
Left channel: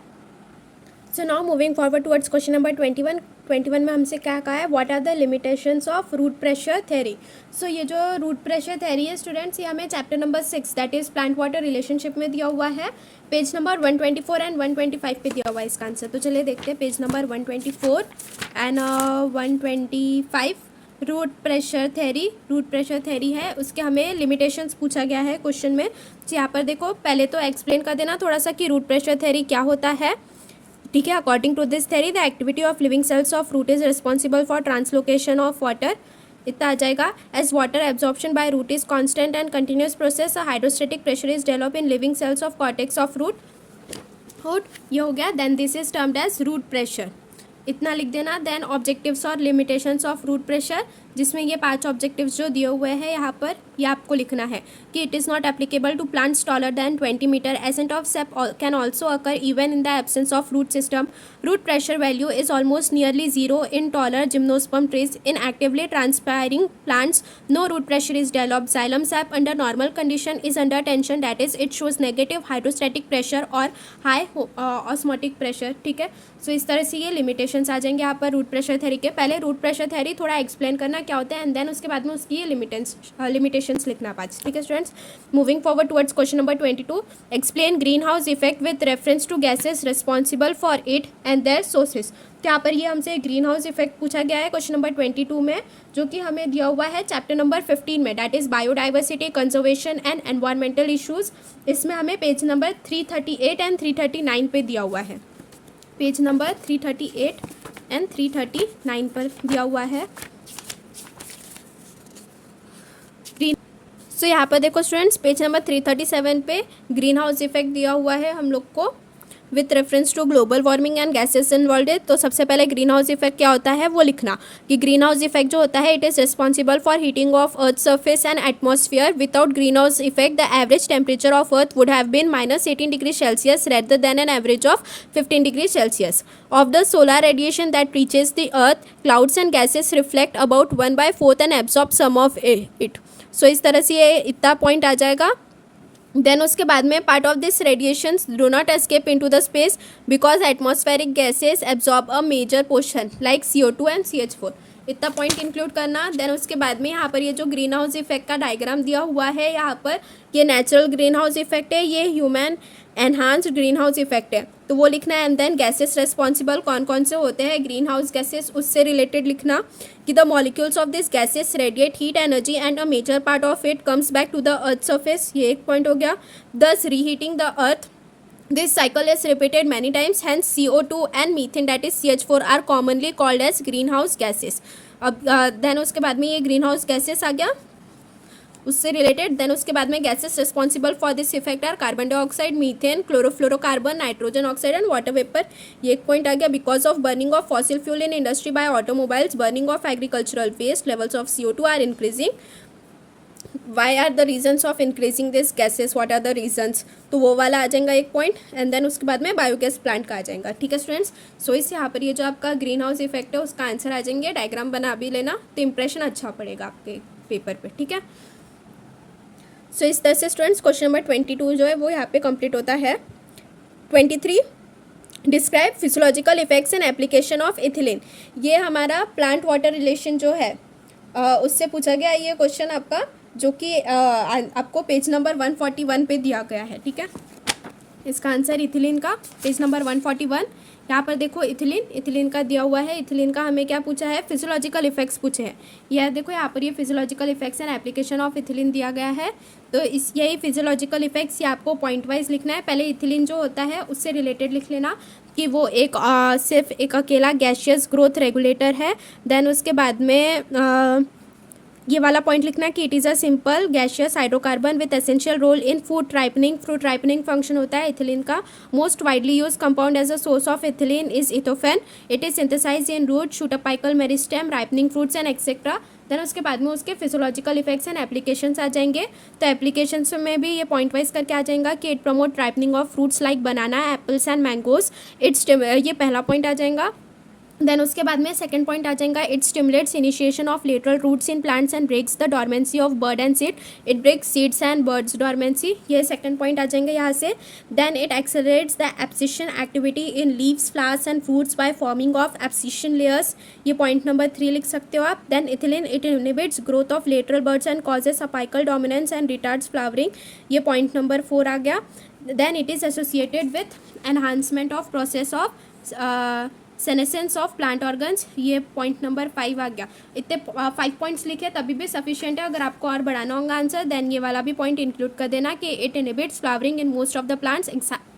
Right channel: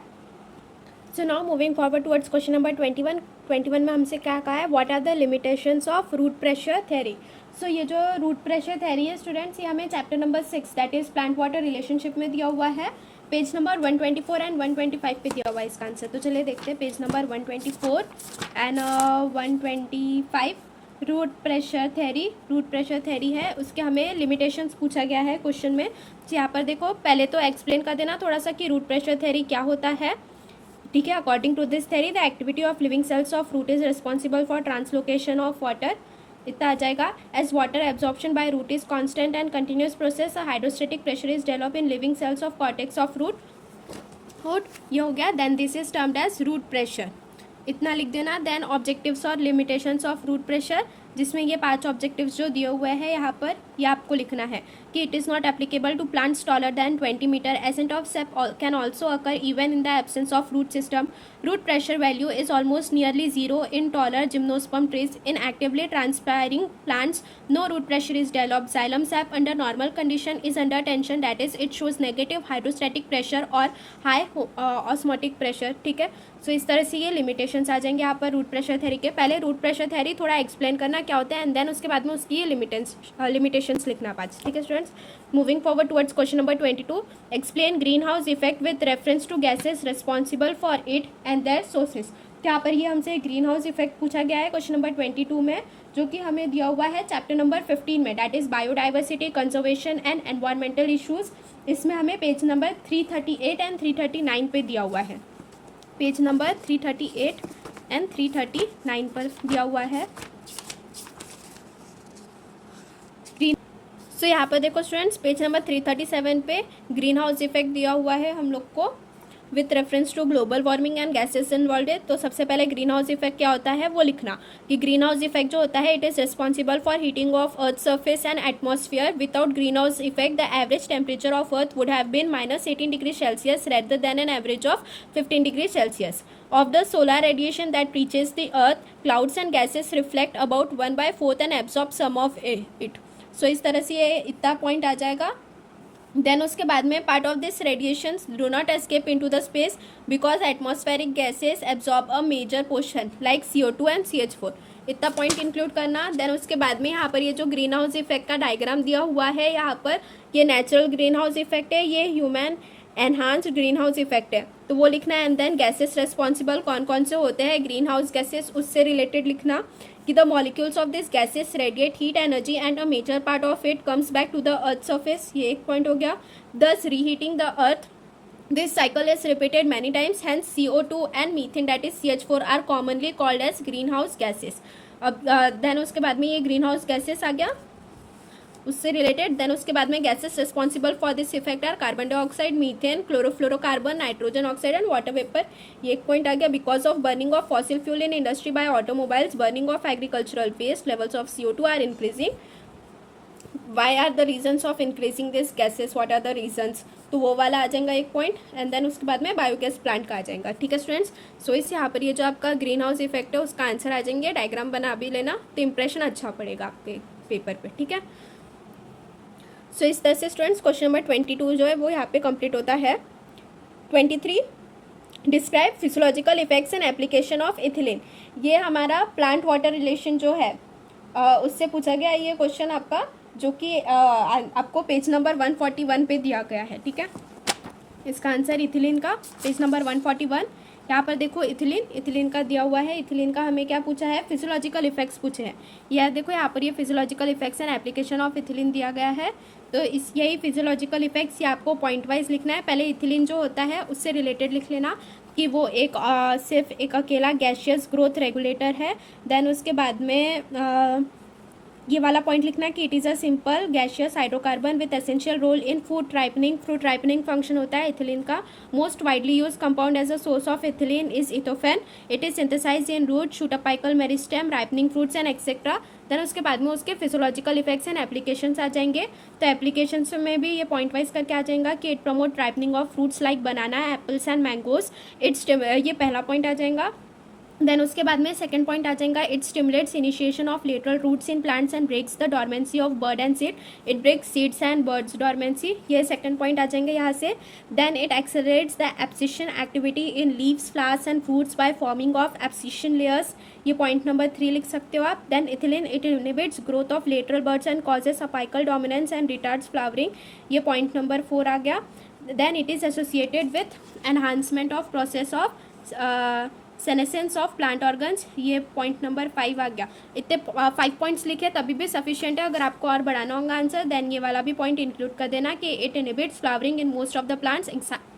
So now moving forward towards question number 21 में हमसे क्या कहा है, what are the limitations of root pressure theory. So ये जो रूट प्रेशर थ्योरी है स्टूडेंट्स ये हमें chapter number 6 that is plant water relationship में दिया हुआ है पेज नंबर 124 एंड 125 पे दिया हुआ है इसका आंसर। तो चलिए देखते हैं page number 124 and 125। Root pressure theory है, उसके हमें लिमिटेशंस पूछा गया है क्वेश्चन में। तो यहाँ पर देखो, पहले तो एक्सप्लेन कर देना थोड़ा सा कि रूट प्रेशर थ्योरी क्या होता है, ठीक है। According to this theory the activity of living cells of root is responsible for translocation of water, इतना आ जाएगा। As water absorption by root is constant and continuous process, hydrostatic pressure is develop in living cells of cortex of root. ये हो गया। Then this is termed as root pressure, इतना लिख देना। Then objectives और लिमिटेशंस ऑफ रूट प्रेशर, जिसमें ये 5 objectives जो दिए हुए हैं यहाँ पर, ये आपको लिखना है कि it is not applicable to plants taller than 20 metre, ascent of sap can also occur even in the absence of root system, root pressure value is almost nearly zero in taller gymnosperm trees, in actively transpiring plants no root pressure is developed, xylem sap under normal condition is under tension, that is it shows negative hydrostatic pressure और high osmotic pressure, ठीक है। सो इस तरह से ये limitations आ जाएंगे यहाँ पर रूट प्रेशर थ्योरी के। पहले रूट प्रेशर थ्योरी थोड़ा एक्सप्लेन करना क्या होता है एंड देन उसके बाद में उसकी ये लिमिटेशंस लिखना 5, ठीक है students. Moving forward towards question number 22, explain green house effect with reference to gases responsible for it and their sources. तो यहाँ पर ये हमसे ग्रीन हाउस इफेक्ट पूछा गया है क्वेश्चन नंबर 22 में, जो कि हमें दिया हुआ है चैप्टर नंबर 15 में, that is biodiversity conservation and environmental issues. इसमें हमें पेज नंबर 338 एंड 339 पे दिया हुआ है, पेज नंबर 338 एंड 339 पर दिया हुआ है ग्रीन। सो यहाँ पर देखो स्टूडेंट्स, पेज नंबर 337 पे ग्रीन हाउस इफेक्ट दिया हुआ है हम लोग को with reference to global warming and gases involve है। तो सबसे पहले ग्रीन हाउस इफेक्ट क्या होता है वो लिखना कि ग्रीन हाउस इफेक्ट जो होता है it is responsible for heating of earth surface and atmosphere. Without green house effect the average temperature of earth would have been -18 degree Celsius rather than an average of 15 degree Celsius of the solar radiation that reaches the earth. Clouds and gases reflect about 1/4 and absorb some of it. So इस तरह से ये इतना point आ जाएगा। Then उसके बाद में part of this radiations do not escape into the space because atmospheric gases absorb a major portion like CO2 and CH4, इतना पॉइंट इंक्लूड करना। देन उसके बाद में यहाँ पर ये जो ग्रीन हाउस इफेक्ट का डायग्राम दिया हुआ है यहाँ पर, ये नेचुरल ग्रीन हाउस इफेक्ट है, ये human enhanced green house effect है, तो वो लिखना है। एंड देन गैसेस रेस्पॉन्सिबल कौन कौन से होते हैं ग्रीन हाउस गैसेस, उससे रिलेटेड लिखना कि the molecules of this gases radiate heat energy and a major part of it comes back to the earth surface, ये एक पॉइंट हो गया। Thus reheating the earth, this cycle is repeated many times, hence CO2 and methane that is CH4 are commonly called as greenhouse gases. अब then उसके बाद में ये ग्रीन हाउस गैसेस आ गया उससे रिलेटेड। देन उसके बाद में gases responsible for this effect are carbon dioxide, methane, chlorofluorocarbon, nitrogen oxide and water vapour, ये एक पॉइंट आ गया। Because of burning of fossil fuel in industry by automobiles, burning of agricultural waste, levels of CO2 are increasing. Why are the reasons of increasing this gases, what are the reasons, तो वो वाला आ जाएगा एक point. And then उसके बाद में biogas plant का आ जाएगा, ठीक है स्टूडेंट्स। सो इस यहाँ पर ये जो आपका ग्रीन हाउस इफेक्ट है उसका आंसर आ जाएंगे, डायग्राम बना भी लेना तो इंप्रेशन अच्छा पड़ेगा आपके पेपर पे, ठीक है। सो इस तरह से स्टूडेंट्स क्वेश्चन नंबर 22 जो है वो यहाँ पे कंप्लीट होता है। 23, describe physiological effects and application of ethylene, ये हमारा प्लांट वाटर रिलेशन जो है उससे पूछा गया ये क्वेश्चन आपका, जो कि आपको पेज नंबर 141 पे दिया गया है, ठीक है। इसका आंसर इथिलीन का पेज नंबर 141, यहाँ पर देखो इथिलीन का दिया हुआ है। इथिलीन का हमें क्या पूछा है, फिजियोलॉजिकल इफेक्ट्स पूछे हैं। यह देखो यहाँ पर ये physiological effects and application of ethylene दिया गया है। तो इस यही फिजियोलॉजिकल इफेक्ट्स ये आपको पॉइंट वाइज लिखना है। पहले इथिलीन जो होता है उससे रिलेटेड लिख लेना कि वो एक सिर्फ एक अकेला गैशियस ग्रोथ रेगुलेटर है। देन उसके बाद में ये वाला पॉइंट लिखना है कि it is a simple gaseous hydrocarbon with essential role in food ripening. Fruit ripening function होता है इथिलीन का। Most widely use compound as a source of ethylene is ethephon. It is synthesize in root, shoot apical, meristem, ripening fruits and etcetera. Then उसके बाद में उसके physiological effects and applications आ जाएंगे। तो applications में भी ये पॉइंट वाइज करके आ जाएगा कि it promote ripening of fruits like banana, apples and mangoes. ये पहला पॉइंट आ जाएगा। देन उसके बाद में सेकंड पॉइंट आ जाएगा, it stimulates initiation of lateral roots in plants and breaks the dormancy of bud and seed. It breaks seeds and buds dormancy, ये सेकंड पॉइंट आ जाएंगे यहाँ से। Then it accelerates the abscission activity in leaves, flowers and fruits by forming of abscission layers, ये point number 3 लिख सकते हो आप। Then ethylene it inhibits growth of lateral buds and causes apical dominance and retards flowering, ये point number 4 आ गया। then it is associated with enhancement of process of senescence of plant organs। ये point number 5 आ गया। इतने 5 points लिखे तभी भी sufficient है। अगर आपको और बढ़ाना होगा आंसर देन ये वाला भी पॉइंट इंक्लूड कर देना कि it inhibits flowering in most of the plants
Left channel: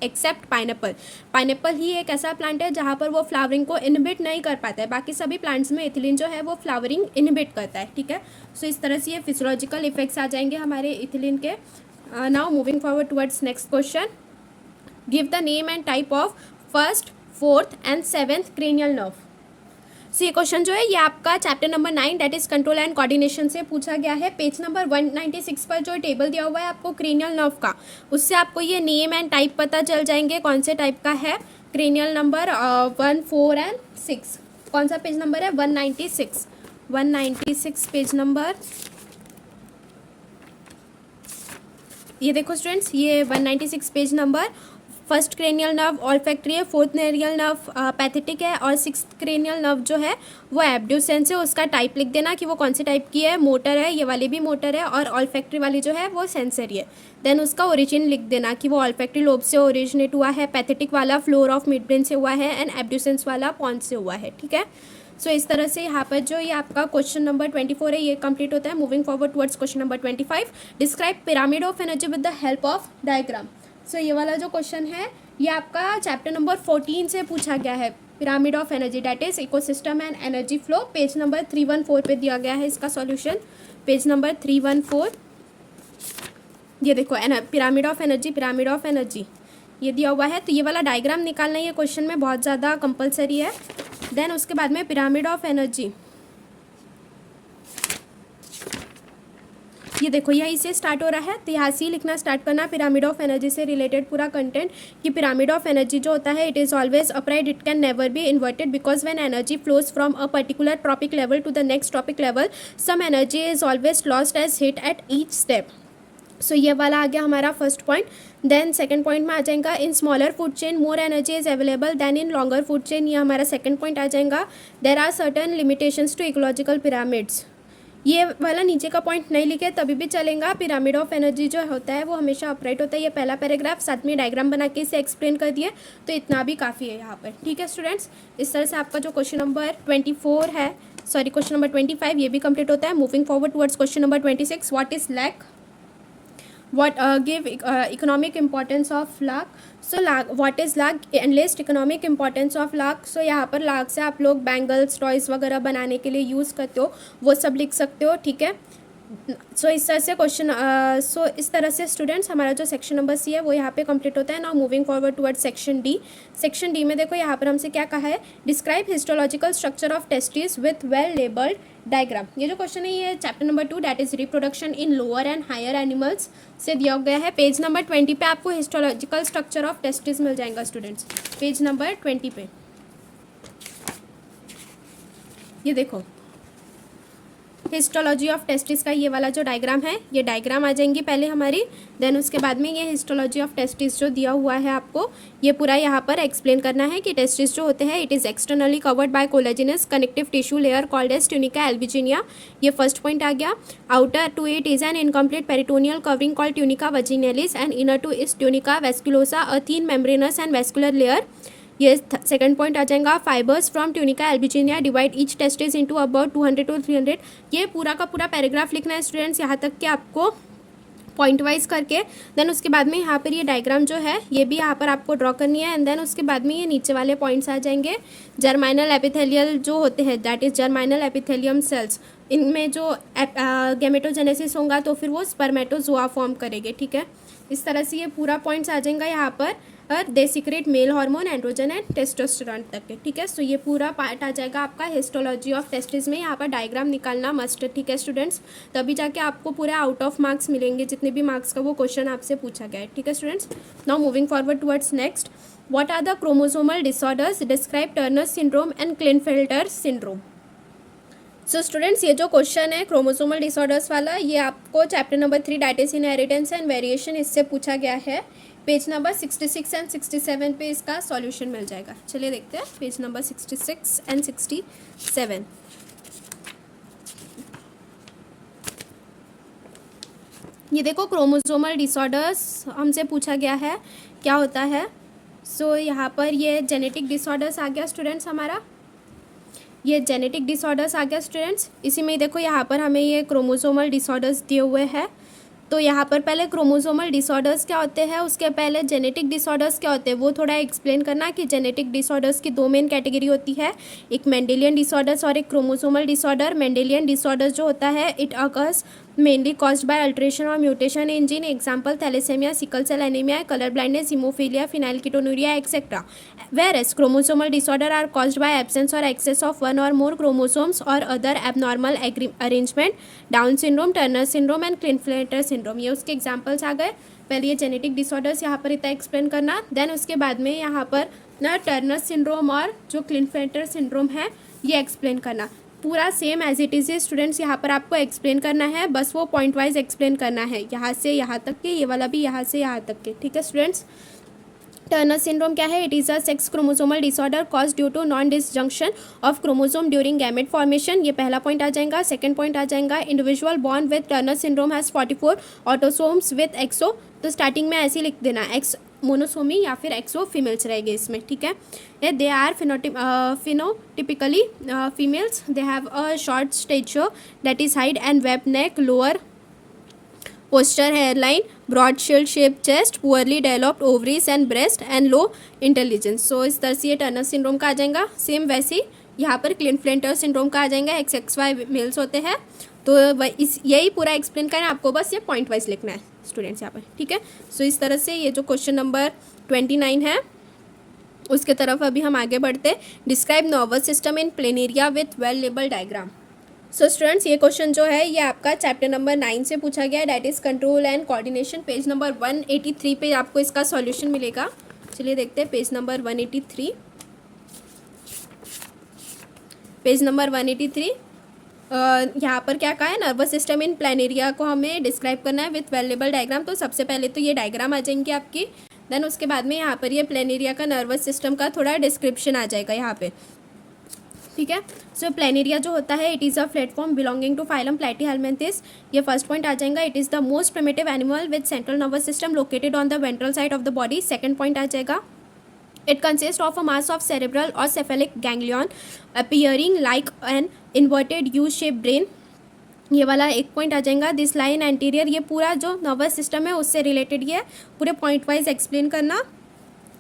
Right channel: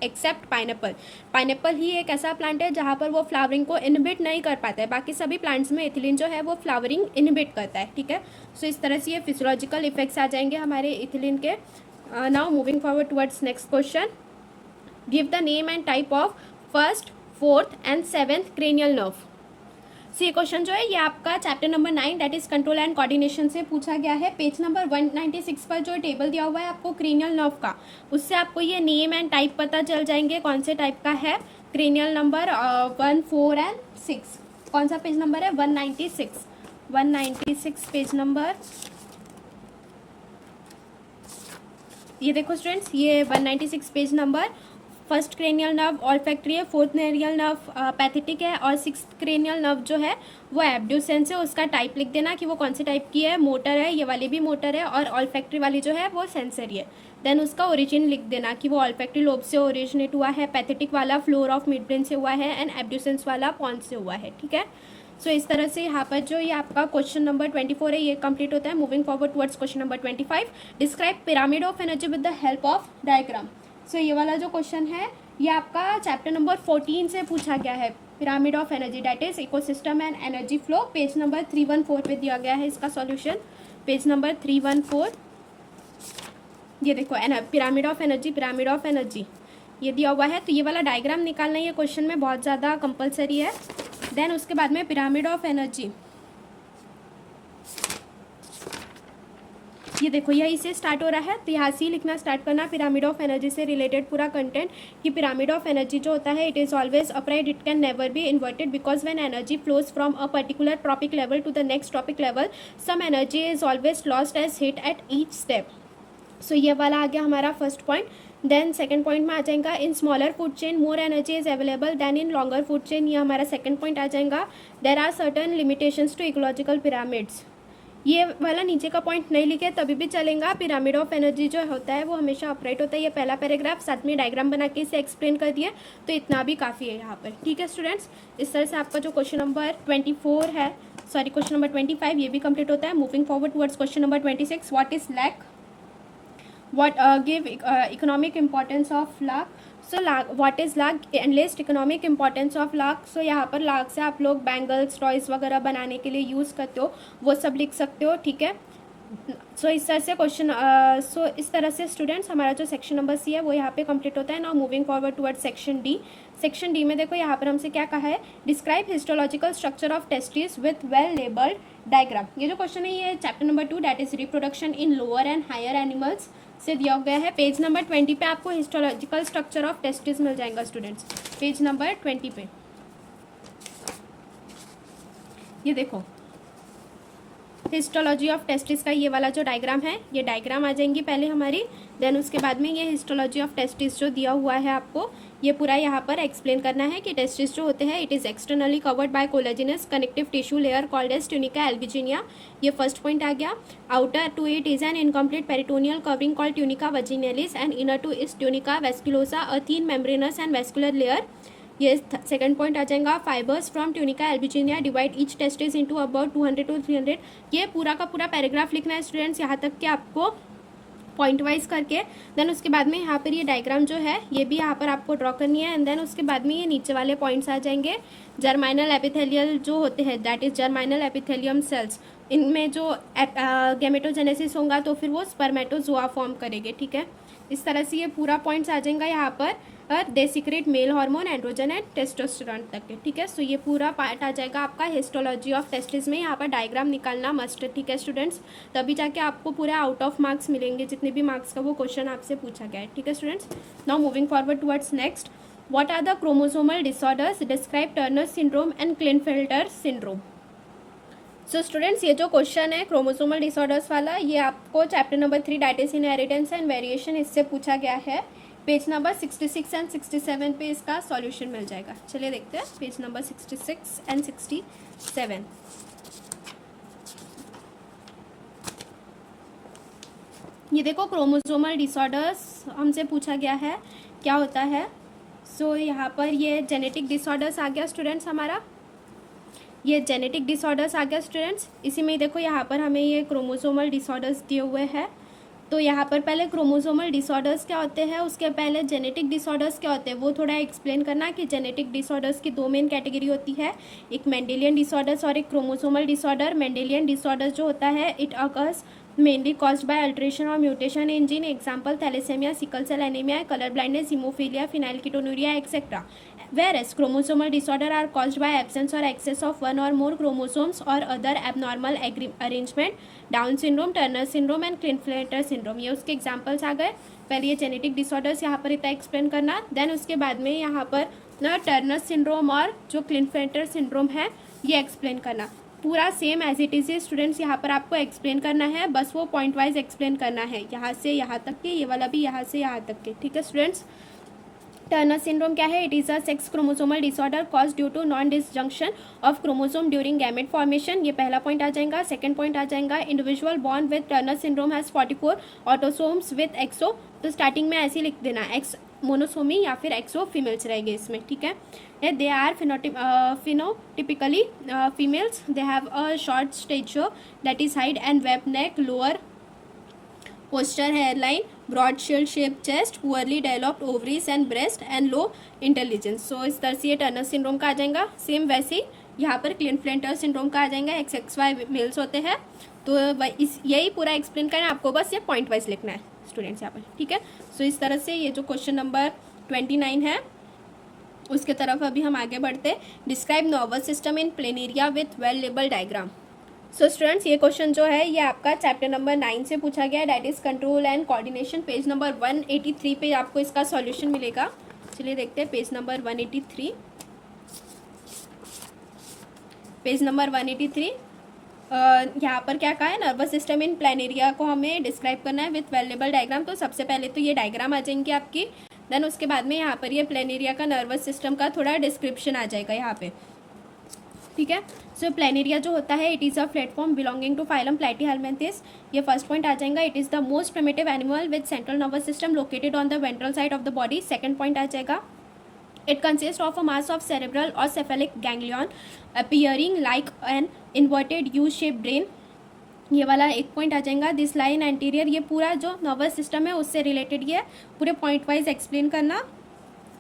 except pineapple. Pineapple ही एक ऐसा प्लांट है जहाँ पर वो फ्लावरिंग को इनहिबिट नहीं कर पाता है, बाकी सभी प्लांट्स में इथिलीन जो है वो फ्लावरिंग इनहिबिट करता है, ठीक है। सो इस तरह से ये फिजियोलॉजिकल इफेक्ट्स आ जाएंगे हमारे इथिलीन के। Now moving forward towards next question, give the name and type of first, fourth and seventh cranial nerve. So ये क्वेश्चन जो है ये आपका chapter number 9 that is control and coordination से पूछा गया है। पेज नंबर 196 पर जो टेबल दिया हुआ है आपको क्रेनियल नर्व का, उससे आपको ये नेम एंड टाइप पता चल जाएंगे कौन से टाइप का है। क्रेनियल नंबर 1, 4 एंड 6, कौन सा पेज नंबर है? 196 पेज नंबर। ये देखो स्टूडेंट्स, ये 196 page number. First cranial nerve olfactory है, फोर्थ क्रेनियल नर्व पैथेटिक है और सिक्स्थ क्रेनियल नर्व जो है वो एब्ड्यूसेंस है। उसका टाइप लिख देना कि वो कौन से टाइप की है। मोटर है, ये वाली भी मोटर है, और ऑल्फैक्टरी वाली जो है वो सेंसरी है। देन उसका ओरिजिन लिख देना कि वो ऑल्फैक्टरी लोब से ओरिजिनेट हुआ है, पैथेटिक वाला फ्लोर ऑफ मिड ब्रेन से हुआ है, एंड एब्ड्यूसेंस वाला पॉन्स से हुआ है, ठीक है। सो इस तरह से यहाँ पर जो ये आपका क्वेश्चन नंबर 24 है ये कंप्लीट होता है। Moving forward towards question number 25, describe pyramid of energy with the help of diagram. So ये वाला जो क्वेश्चन है ये आपका चैप्टर नंबर 14 से पूछा गया है। Pyramid of energy that is ecosystem and energy flow, page number 314 पे दिया गया है इसका सॉल्यूशन, पेज नंबर 314। ये देखो पिरामिड ऑफ एनर्जी ये दिया हुआ है। तो ये वाला डायग्राम निकालना ये क्वेश्चन में बहुत ज़्यादा कंपलसरी है। देन उसके बाद में पिरामिड ऑफ एनर्जी, ये देखो यहीं से स्टार्ट हो रहा है, तो यहाँ से ही लिखना स्टार्ट करना पिरामिड ऑफ एनर्जी से रिलेटेड पूरा कंटेंट। कि पिरामिड ऑफ एनर्जी जो होता है it is always upright, it can never be inverted because when energy flows from a particular trophic level to the next trophic level some energy is always lost as heat at each step. So ये वाला आ गया हमारा first point. Then second point में आ जाएगा in smaller food chain more energy is available then in longer food chain, ये हमारा सेकंड पॉइंट आ जाएगा। There are certain limitations to ecological pyramids, ये वाला नीचे का पॉइंट नहीं लिखे तभी भी चलेगा। पिरामिड ऑफ एनर्जी जो होता है वो हमेशा अपराइट होता है। ये पहला पैराग्राफ, साथ में डायग्राम बना के इसे एक्सप्लेन कर दिए, तो इतना भी काफ़ी है यहाँ पर, ठीक है स्टूडेंट्स। इस तरह से आपका जो क्वेश्चन नंबर 24 है, सॉरी क्वेश्चन नंबर 25 ये भी कंप्लीट होता है। Moving forward towards question number 26, what is lac, what give economic importance of lakh. So lakh, what is lakh and list economic importance of lakh. So यहाँ पर लाख से आप लोग बैंगल्स, टॉयज़ वगैरह बनाने के लिए यूज़ करते हो, वो सब लिख सकते हो, ठीक है। सो इस तरह से क्वेश्चन इस तरह से स्टूडेंट्स हमारा जो सेक्शन नंबर सी है वो यहाँ पे कंप्लीट होता है। Now moving forward toward section D. Section D में देखो यहाँ पर हमसे क्या कहा है, describe histological structure of testis with well labelled diagram. ये जो क्वेश्चन है ये chapter number 2 that is reproduction in lower and higher animals से दिया गया है। पेज नंबर 20 पे आपको हिस्टोलॉजिकल स्ट्रक्चर ऑफ टेस्टिस मिल जाएगा स्टूडेंट्स, पेज नंबर 20 पे। ये देखो हिस्टोलॉजी ऑफ टेस्टिस का ये वाला जो डायग्राम है, ये डायग्राम आ जाएंगी पहले हमारी, देन उसके बाद में ये हिस्टोलॉजी ऑफ टेस्टिस जो दिया हुआ है आपको ये पूरा यहाँ पर एक्सप्लेन करना है कि टेस्टिस जो होते हैं it is externally covered by collagenous connective tissue layer called as tunica albuginea. ये फर्स्ट पॉइंट आ गया। Outer to it is an incomplete peritoneal covering called tunica vaginalis and inner to is tunica vasculosa a thin membranous and vascular layer. ये second point आ जाएगा। Fibres from tunica albuginea divide each testis into about 200 to 300। ये पूरा का पूरा paragraph लिखना है students, यहाँ तक कि आपको पॉइंट वाइज करके। देन उसके बाद में यहाँ पर ये डायग्राम जो है ये भी यहाँ पर आपको ड्रॉ करनी है। एंड देन उसके बाद में ये नीचे वाले पॉइंट्स आ जाएंगे। जर्माइनल एपिथेलियल जो होते हैं दैट इज जर्माइनल एपिथेलियम सेल्स, इनमें जो गैमेटोजेनेसिस होगा तो फिर वो स्पर्मेटोजोआ फॉर्म करेंगे, ठीक है। इस तरह से ये पूरा पॉइंट्स आ जाएगा यहाँ पर। और they secrete male hormone, androgen and testosterone तक के, ठीक है। सो ये पूरा पार्ट आ जाएगा आपका हिस्टोलॉजी ऑफ टेस्टिस में। यहाँ पर डायग्राम निकालना मस्ट है, ठीक है स्टूडेंट्स, तभी जाके आपको पूरे आउट ऑफ मार्क्स मिलेंगे जितने भी मार्क्स का वो क्वेश्चन आपसे पूछा गया है, ठीक है students. Now moving forward towards next, what are the chromosomal disorders, describe Turner syndrome and Klinefelter syndrome. So students ये जो क्वेश्चन है क्रोमोसोमल डिसऑर्डर्स वाला ये आपको chapter number 3 that is inheritance and variation इससे पूछा गया है। पेज नंबर 66 एंड 67 पे इसका सॉल्यूशन मिल जाएगा। चलिए देखते हैं पेज नंबर 66 एंड 67। ये देखो क्रोमोसोमल डिसऑर्डर्स हमसे पूछा गया है। क्या होता है। सो यहाँ पर ये जेनेटिक डिसऑर्डर्स आ गया स्टूडेंट्स हमारा, ये जेनेटिक डिसऑर्डर्स आ गया स्टूडेंट्स। इसी में देखो यहाँ पर हमें ये क्रोमोसोमल डिसऑर्डर्स दिए हुए हैं। तो यहाँ पर पहले क्रोमोसोमल डिसऑर्डर्स क्या होते हैं, उसके पहले जेनेटिक डिसऑर्डर्स क्या होते हैं वो थोड़ा एक्सप्लेन करना कि जेनेटिक डिसऑर्डर्स की दो मेन कैटेगरी होती है, एक मेंडेलियन डिसऑर्डर्स और एक क्रोमोसोमल डिसऑर्डर। मेंडेलियन डिसऑर्डर्स जो होता है it occurs mainly caused by alteration और mutation in gene, example thalassaemia, sickle cell anaemia, colour blindness, haemophilia, phenylketonuria etcetera. Whereas chromosomal disorder are caused by absence or excess of one or more chromosomes or other abnormal arrangement, Down syndrome, Turner syndrome and Klinefelter syndrome। ये उसके examples आ गए। पहले ये genetic disorders यहाँ पर इतना explain करना, then उसके बाद में यहाँ पर ना टर्नर सिंड्रोम और जो क्लिनफेल्टर सिंड्रोम है ये एक्सप्लेन करना। पूरा same as it is students यहाँ पर आपको एक्सप्लेन करना है, बस वो पॉइंट वाइज एक्सप्लेन करना है, यहाँ से यहाँ तक के, ये वाला भी यहाँ से यहाँ तक के, ठीक है स्टूडेंट्स। टर्नर सिंड्रोम क्या है, it is a sex chromosomal disorder cause due to non disjunction of chromosome during gamete formation, ये पहला पॉइंट आ जाएगा। सेकंड पॉइंट आ जाएगा, individual born with Turner syndrome has 44 autosomes with XO, तो starting में ऐसे ही लिख देना, एक्स मोनोसोमी या फिर एक्सो फीमेल्स रहेंगे इसमें, ठीक है। They are phenotypically females, they have a short stature that is height and web neck, lower posture hairline, broad shield shaped chest, poorly developed ovaries and breast and low intelligence। सो इस तरह से ये Turner syndrome का आ जाएगा। Same वैसे ही यहाँ पर क्लिनफ्लेंटर syndrome का आ जाएगा, XXY मेल्स होते हैं। तो यही पूरा एक्सप्लेन करना है आपको, बस ये पॉइंट वाइज लिखना है स्टूडेंट्स यहाँ पर, ठीक है। सो इस तरह से ये जो क्वेश्चन नंबर 29 है उसके तरफ अभी हम आगे बढ़ते। Describe nervous system in planaria with well label diagram. So students ये क्वेश्चन जो है ये आपका चैप्टर नंबर 9 से पूछा गया है, that is control and coordination. Page number 183 पे आपको इसका सॉल्यूशन मिलेगा। चलिए देखते हैं पेज नंबर 183। पेज नंबर 183 यहाँ पर क्या कहा है, नर्वस सिस्टम इन प्लेनेरिया को हमें डिस्क्राइब करना है विथ वेलेबल डायग्राम। तो सबसे पहले तो ये डायग्राम आ जाएंगी आपकी, देन उसके बाद में यहाँ पर ये प्लेनेरिया का नर्वस सिस्टम का थोड़ा डिस्क्रिप्शन आ जाएगा यहाँ पे, ठीक है। सो प्लेनेरिया जो होता है it is a platform belonging to phylum platyhelminthes, ये फर्स्ट पॉइंट आ जाएगा। It is the most primitive animal with central nervous system located on the ventral side of the body, second point आ जाएगा। It consist of a mass of cerebral और cephalic ganglion appearing like an inverted U shape brain, ये वाला एक पॉइंट आ जाएगा। This line anterior, ये पूरा जो नर्वस सिस्टम है उससे रिलेटेड ये पूरे पॉइंट वाइज एक्सप्लेन करना।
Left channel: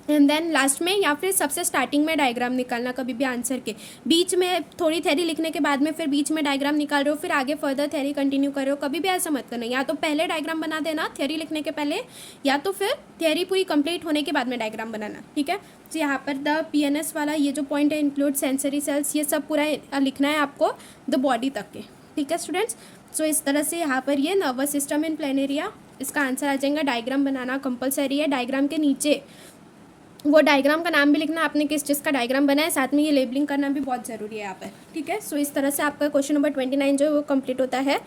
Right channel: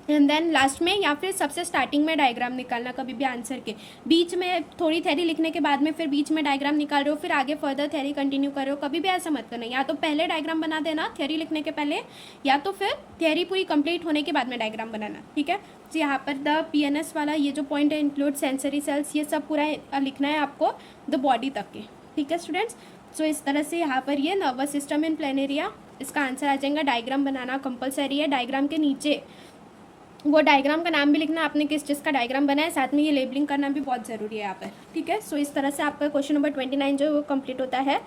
एंड देन लास्ट में या फिर सबसे स्टार्टिंग में डायग्राम निकालना, कभी भी आंसर के बीच में थोड़ी थ्योरी लिखने के बाद में फिर बीच में डायग्राम निकाल रहे हो, फिर आगे फर्दर थ्योरी कंटिन्यू कर रहे हो, कभी भी ऐसा मत करना। या तो पहले डायग्राम बना देना थ्योरी लिखने के पहले, या तो फिर थ्योरी पूरी कंप्लीट होने के बाद में डायग्राम बनाना, ठीक है। तो यहाँ पर द PNS वाला ये जो पॉइंट है, इंक्लूड सेंसरी सेल्स, ये सब पूरा लिखना है आपको द बॉडी तक के, ठीक है स्टूडेंट्स। सो इस तरह से यहाँ पर ये नर्वस सिस्टम इन प्लेनेरिया, इसका आंसर आ जाएगा। डायग्राम बनाना कंपलसरी है, डायग्राम के नीचे वो डायग्राम का नाम भी लिखना, आपने किस चीज़ का डायग्राम बनाया, साथ में ये लेबलिंग करना भी बहुत ज़रूरी है यहाँ पर, ठीक है। सो इस तरह से आपका क्वेश्चन नंबर 29 जो है वो कंप्लीट होता है।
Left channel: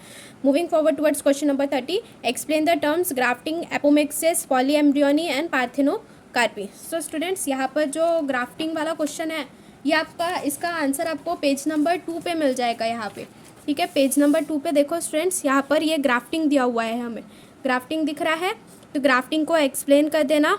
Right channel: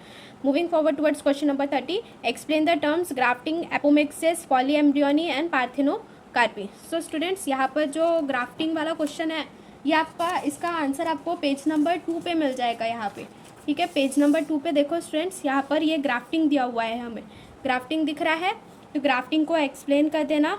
Moving forward towards question number 30, explain the terms grafting, apomixis, polyembryony and parthenocarpy. So students यहाँ पर जो ग्राफ्टिंग वाला क्वेश्चन है ये आपका, इसका आंसर आपको पेज नंबर 2 पे मिल जाएगा यहाँ पे, ठीक है। पेज नंबर 2 पे देखो स्टूडेंट्स, यहाँ पर ये ग्राफ्टिंग दिया हुआ है, हमें ग्राफ्टिंग दिख रहा है, तो ग्राफ्टिंग को एक्सप्लेन कर देना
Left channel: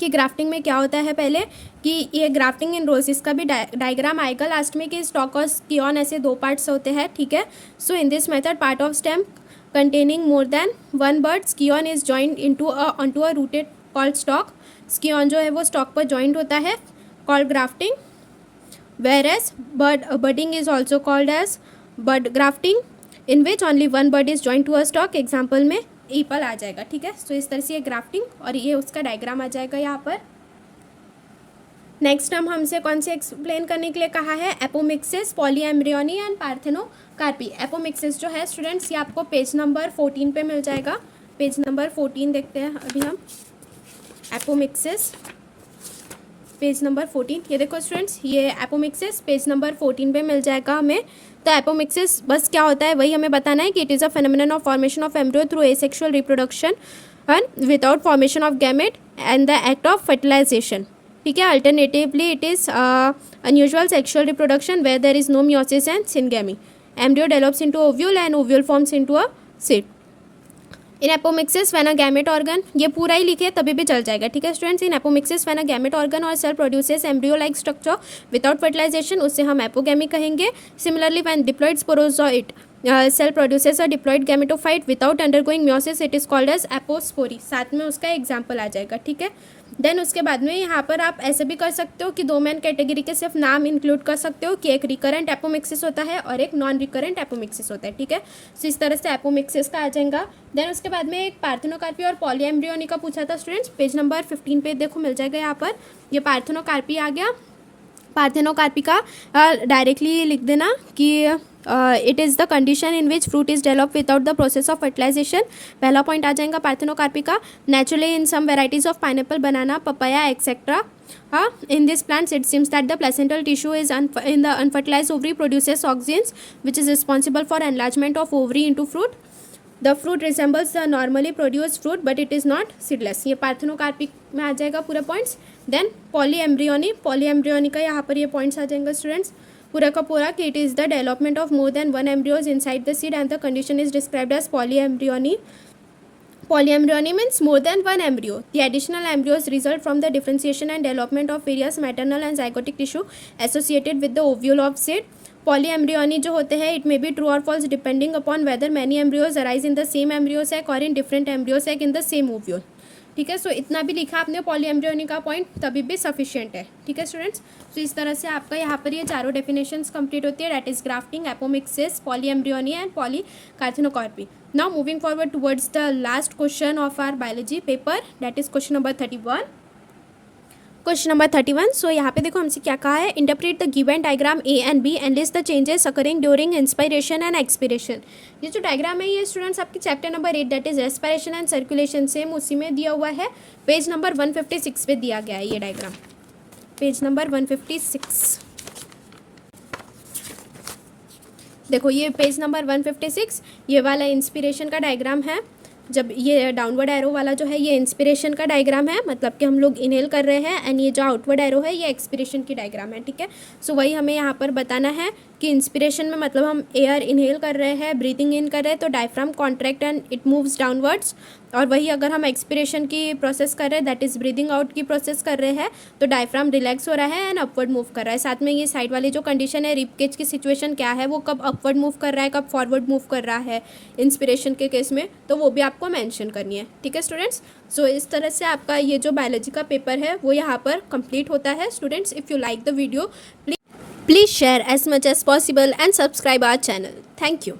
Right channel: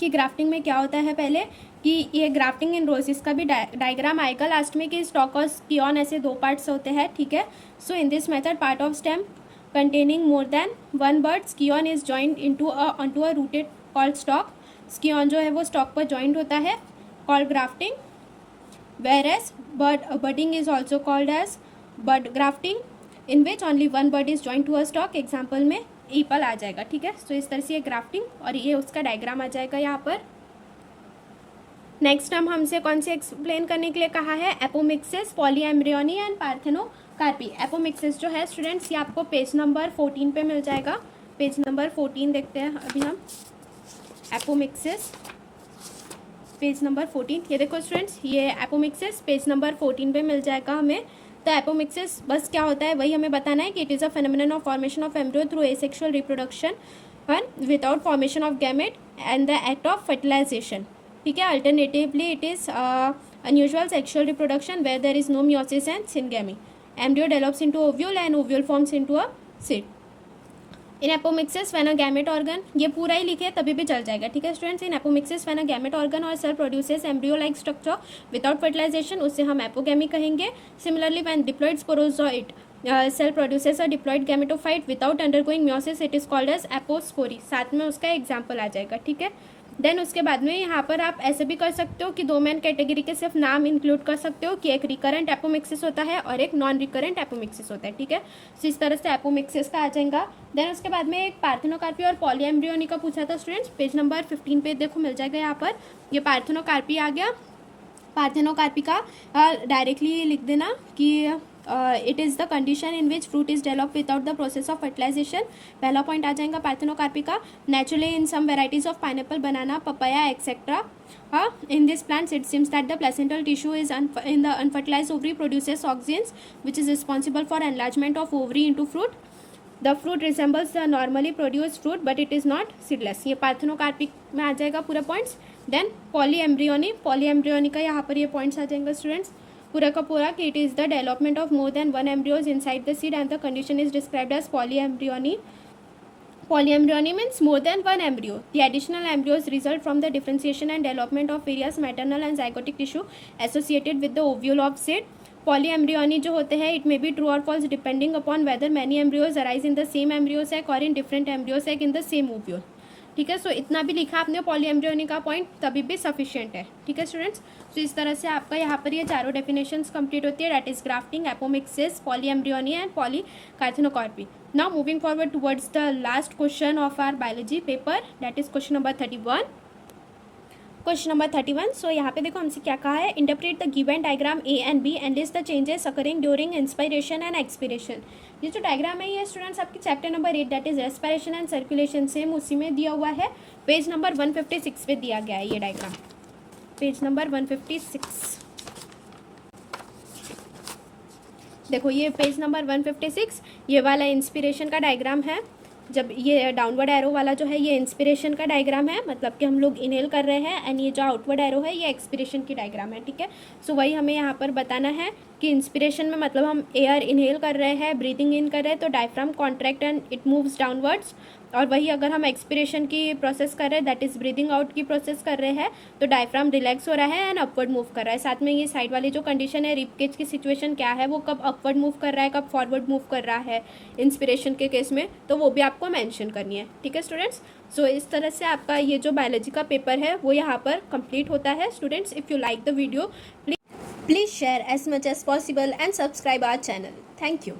कि ग्राफ्टिंग में क्या होता है। पहले कि ये ग्राफ्टिंग इन रोजेस का भी डायग्राम आएगा लास्ट में, कि स्टॉक और स्कियॉन ऐसे दो पार्ट्स होते हैं, ठीक है। So in this method part of stem containing more than one bud scion is joint into a rooted called stock, scion जो है वो स्टॉक पर जॉइंट होता है, called grafting. Whereas budding is also called as bud grafting, in which only one bud is joint to a stock, example में apple आ जाएगा, ठीक है। तो इस तरह से ये ग्राफ्टिंग और ये उसका डायग्राम आ जाएगा यहाँ पर। नेक्स्ट हम हमसे कौन से एक्सप्लेन करने के लिए कहा है, apomixis, polyembryony and parthenocarpy. Apomixis जो है स्टूडेंट्स ये आपको पेज नंबर 14 पे मिल जाएगा। पेज नंबर 14 देखते हैं अभी हम, एपोमिक्सिस पेज नंबर 14, ये देखो स्टूडेंट्स ये एपोमिक्सिस पेज नंबर 14 पे मिल जाएगा हमें। तो एपोमिक्सिस बस क्या होता है वही हमें बताना है कि it is a phenomenon of formation of embryo through asexual reproduction and without formation of gamete and the act of fertilization, ठीक है। Alternatively it is unusual sexual reproduction where there is no meiosis and syngamy, embryo develops into ovule and ovule forms into a seed. In apomixis when a gamete organ, ये पूरा ही लिखे तभी भी चल जाएगा, ठीक है students. In apomixis when a gamete organ और cell produces embryo like structure without fertilisation, उससे हम एपोगेमी कहेंगे। Similarly when diploid sporozoite cell produces a diploid gametophyte without undergoing meiosis, it is called as apospory, साथ में उसका example आ जाएगा, ठीक है। देन उसके बाद में यहाँ पर आप ऐसे भी कर सकते हो कि दो मेन कैटेगरी के सिर्फ नाम इंक्लूड कर सकते हो कि एक रिकरेंट एपोमिक्सिस होता है और एक नॉन रिकरेंट एपोमिक्सिस होता है, ठीक है। सो इस तरह से एपोमिक्सिस का आ जाएगा। देन उसके बाद में एक पार्थेनोकार्पी और पॉलीएम्ब्रियोनी का पूछा था स्टूडेंट्स, पेज नंबर 15 पे देखो मिल जाएगा यहाँ पर। ये पार्थेनोकार्पी आ गया। पार्थेनोकार्पी का डायरेक्टली लिख देना कि it is the condition in which fruit is develop without the process of fertilization. पहला पॉइंट आ जाएगा पार्थेनोकार्पी का। Naturally in some varieties of pineapple, banana, papaya etcetera, in these plants it seems that the placental tissue is in the unfertilized ovary produces auxins which is responsible for enlargement of ovary into fruit. The fruit resembles the normally produced fruit but it is not seedless। ये parthenocarpy में आ जाएगा पूरा points. Then polyembryony, polyembryony का यहाँ पर ये points आ जाएंगे स्टूडेंट्स पूरा का पूरा कि it is the development of more than one embryos inside the seed and the condition is described as polyembryony. Polyembryony means more than one embryo. The additional embryos result from the differentiation and development of various maternal and zygotic tissue associated with the ovule of seed. Polyembryony जो होते हैं, it may be true or false depending upon whether many embryos arise in the same embryo sac or in different embryo sac in the same ovule, ठीक है। सो इतना भी लिखा आपने polyembryony का पॉइंट तभी भी सफिशिएंट है, ठीक है स्टूडेंट्स। सो इस तरह से आपका यहाँ पर ये चारों डेफिनेशंस कंप्लीट होती है, that is grafting, apomixis, polyembryony and polyparthenocarpy. Now moving forward towards the last question of our biology paper, that is question number 31। Question number 31। So यहाँ पे देखो हमसे क्या कहा है, interpret the given diagram A and B and list the changes occurring during inspiration and expiration. ये जो diagram है ये स्टूडेंट्स आपके chapter number 8 that is respiration and circulation, same उसी में दिया हुआ है, पेज नंबर 156 पे दिया गया है ये डायग्राम, पेज नंबर 156। देखो ये पेज नंबर 156 ये वाला इंस्पिरेशन का डायग्राम है, जब ये डाउनवर्ड एरो वाला जो है ये इंस्पिरेशन का डायग्राम है, मतलब कि हम लोग इनहेल कर रहे हैं, एंड ये जो आउटवर्ड एरो है ये एक्सपिरेशन की डायग्राम है, ठीक है। सो वही हमें यहाँ पर बताना है कि इंस्पिरेशन में मतलब हम एयर इनहेल कर रहे हैं, ब्रीदिंग इन कर रहे हैं तो diaphragm contract and it moves downwards, और वही अगर हम एक्सपिरेशन की प्रोसेस कर रहे हैं दैट इज़ ब्रीदिंग आउट की प्रोसेस कर रहे हैं तो डायफ्राम रिलैक्स हो रहा है एंड अपवर्ड मूव कर रहा है। साथ में ये साइड वाली जो कंडीशन है रिब केज की सिचुएशन क्या है, वो कब अपवर्ड मूव कर रहा है, कब फॉरवर्ड मूव कर रहा है इंस्पिरेशन के केस में, तो वो भी आपको मेंशन करनी है, ठीक है स्टूडेंट्स। सो इस तरह से आपका ये जो बायोलॉजी का पेपर है वो यहाँ पर कंप्लीट होता है students. If you like the video please share as much as possible and subscribe our channel. Thank you.